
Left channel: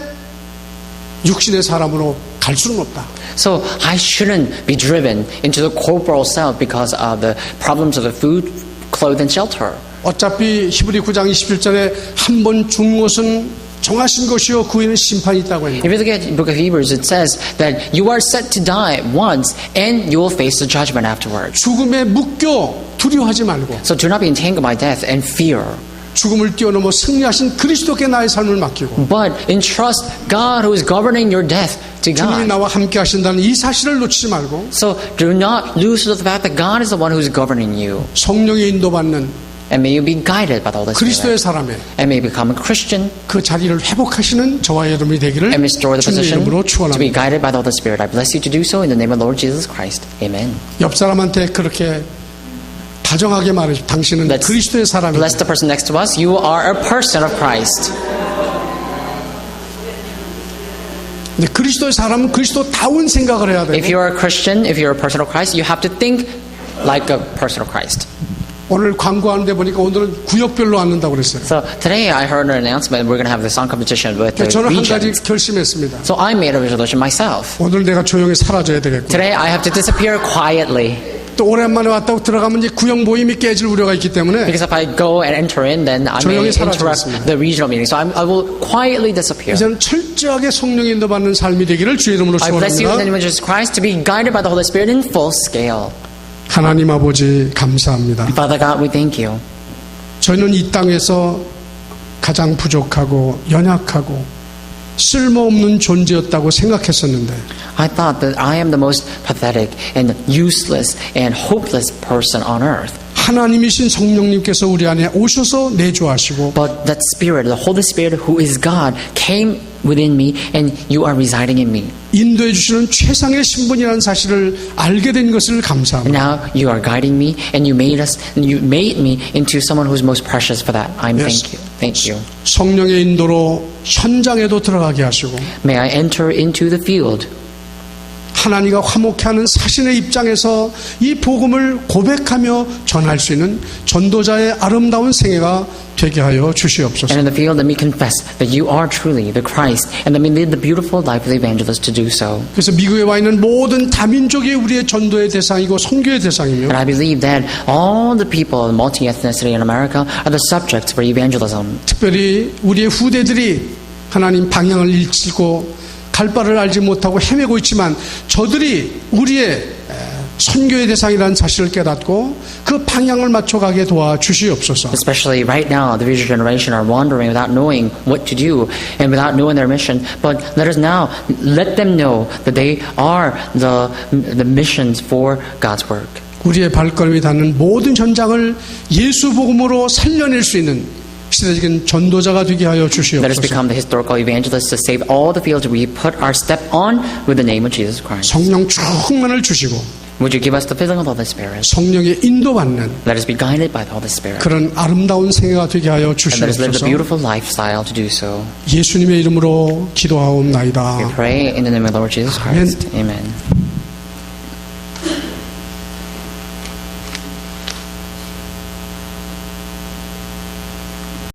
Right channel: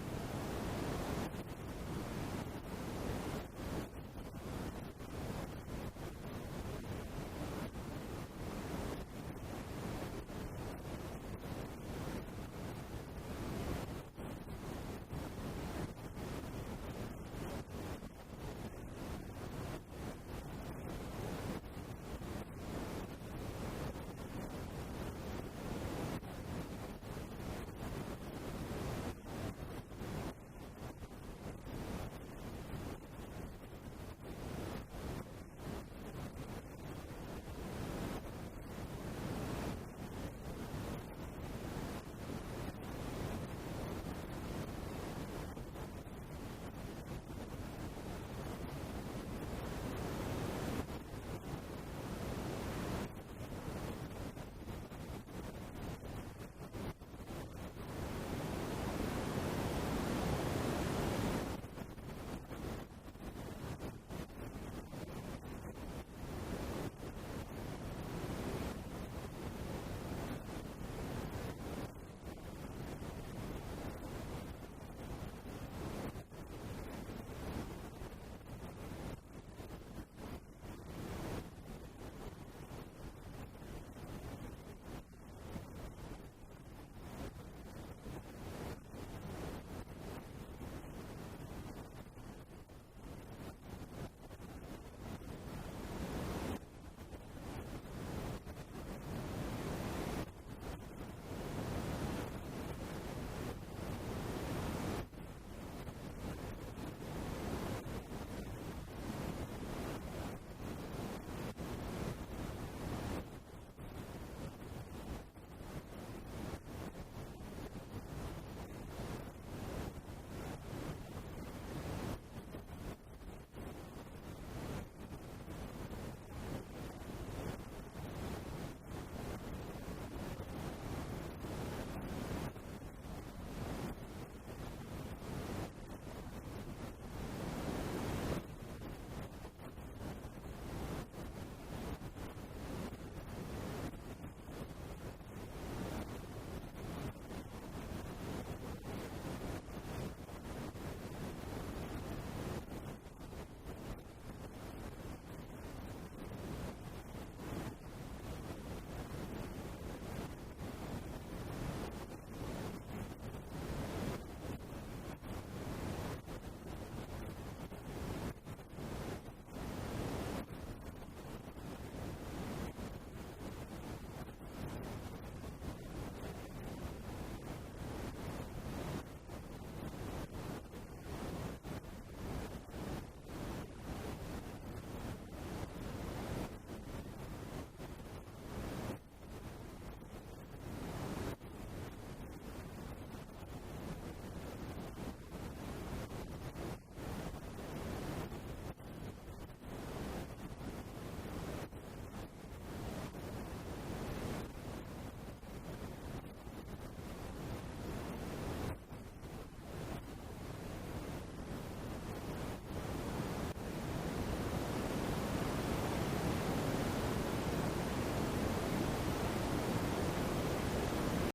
육신의 사람으로 갈 수는 없다. So I shouldn't be driven into the corporal self because of the problems of the food, clothes, and shelter. 어차피 히브리 9장 27절에 한 번 죽는 것은 정하신 것이요 그 후에는 심판이 있다고 했는데 If you look at the book of Hebrews, it says that you are set to die once and you will face the judgment afterwards. 죽음에 묶여 두려워하지 말고 So do not be entangled by death and fear, 죽음을 뛰어넘어 승리하신 그리스도께 나의 삶을 맡기고 but entrust God who is governing your death to 주님이 God. 나와 함께 하신다는 이 사실을 놓치지 말고 So do not lose the fact that God is the one who is governing you. 성령의 인도받는 And may you be guided by the Holy 그리스도의 Spirit. 사람에 And may you become a Christian 그 자리를 회복하시는 저와 여러분이 되기를 and restore the 주님의 position 이름으로 to be 축원합니다. guided by the Holy Spirit. I bless you to do so in the name of Lord Jesus Christ. Amen. 옆 사람한테 그렇게 다정하게 말해 당신은 Let's 그리스도의 사람이다. bless the person next to us. You are a person of Christ. 근데 그리스도의 사람은 그리스도다운 생각을 해야 If 되고 you are a Christian, if you're a person of Christ, you have to think like a person of Christ. 오늘 광고하는데 보니까 오늘은 구역별로 앉는다고 그랬어요. So today I heard an announcement we're going to have the song competition with the 저는 한 가지 regions. 결심했습니다. So I made a resolution myself. 오늘 내가 조용히 사라져야 되겠고 Today I have to disappear quietly 또 오랜만에 왔다고 들어가면 이제 구역 모임이 깨질 우려가 있기 때문에 because if I go and enter in, then I may 조용히 interrupt 사라지겠습니다. the regional meeting. So I will quietly disappear. 이제는 철저하게 성령의 인도받는 삶이 되기를 주의 이름으로 I bless you in the 축원합니다. name of Jesus Christ to be guided by the Holy Spirit in full scale. 하나님 아버지 감사합니다. Father God, we thank you. 저희는 이 땅에서 가장 부족하고 연약하고 쓸모없는 존재였다고 생각했었는데 I thought that I am the most pathetic and useless and hopeless person on earth. 하나님이신 성령님께서 우리 안에 오셔서 내주하시고 But that Spirit, the Holy Spirit who is God, came within me and you are residing in me. 인도해 주시는 최상의 신분이라는 사실을 알게 된 것을 And 감사합니다. now you are guiding me and you made me into someone who's most precious for that. Yes. Thank you. 성령의 인도로 현장에도 들어가게 하시고 May I enter into the field. 하나님과 화목해하는 사신의 입장에서 이 복음을 고백하며 전할 수 있는 전도자의 아름다운 생애가 되게 하여 주시옵소서. And in the field, let me confess that you are truly the Christ, and let me live the beautiful life of the evangelist to do so. 그래서 미국에 와 있는 모든 다민족이 우리의 전도의 대상이고 선교의 대상이며 And I believe that all the people, multi-ethnicity in America, are the subjects for evangelism. 특별히 우리의 후대들이 하나님 방향을 잃고 갈 바를 알지 못하고 헤매고 있지만 저들이 우리의 선교의 대상이라는 사실을 깨닫고 그 방향을 맞춰가게 도와주시옵소서. Especially right now, the future generation are wandering without knowing what to do and without knowing their mission. But let us now let them know that they are the missions for God's work. 우리의 발걸음이 닿는 모든 현장을 예수 복음으로 살려낼 수 있는 시대적인 전도자가 되게 하여 Let us 주시옵소서. become the historical evangelists to save all the fields we put our step on with the name of Jesus Christ. 성령 충만을 주시고 Would you give us the filling of the Holy Spirit? 성령의 인도받는 Let us be guided by the Holy Spirit. 그런 아름다운 생애가 되게 하여 And let us live the 주시옵소서. beautiful lifestyle to do so. 예수님의 이름으로 기도하옵나이다. We pray in the name of the Lord Jesus Christ. Amen.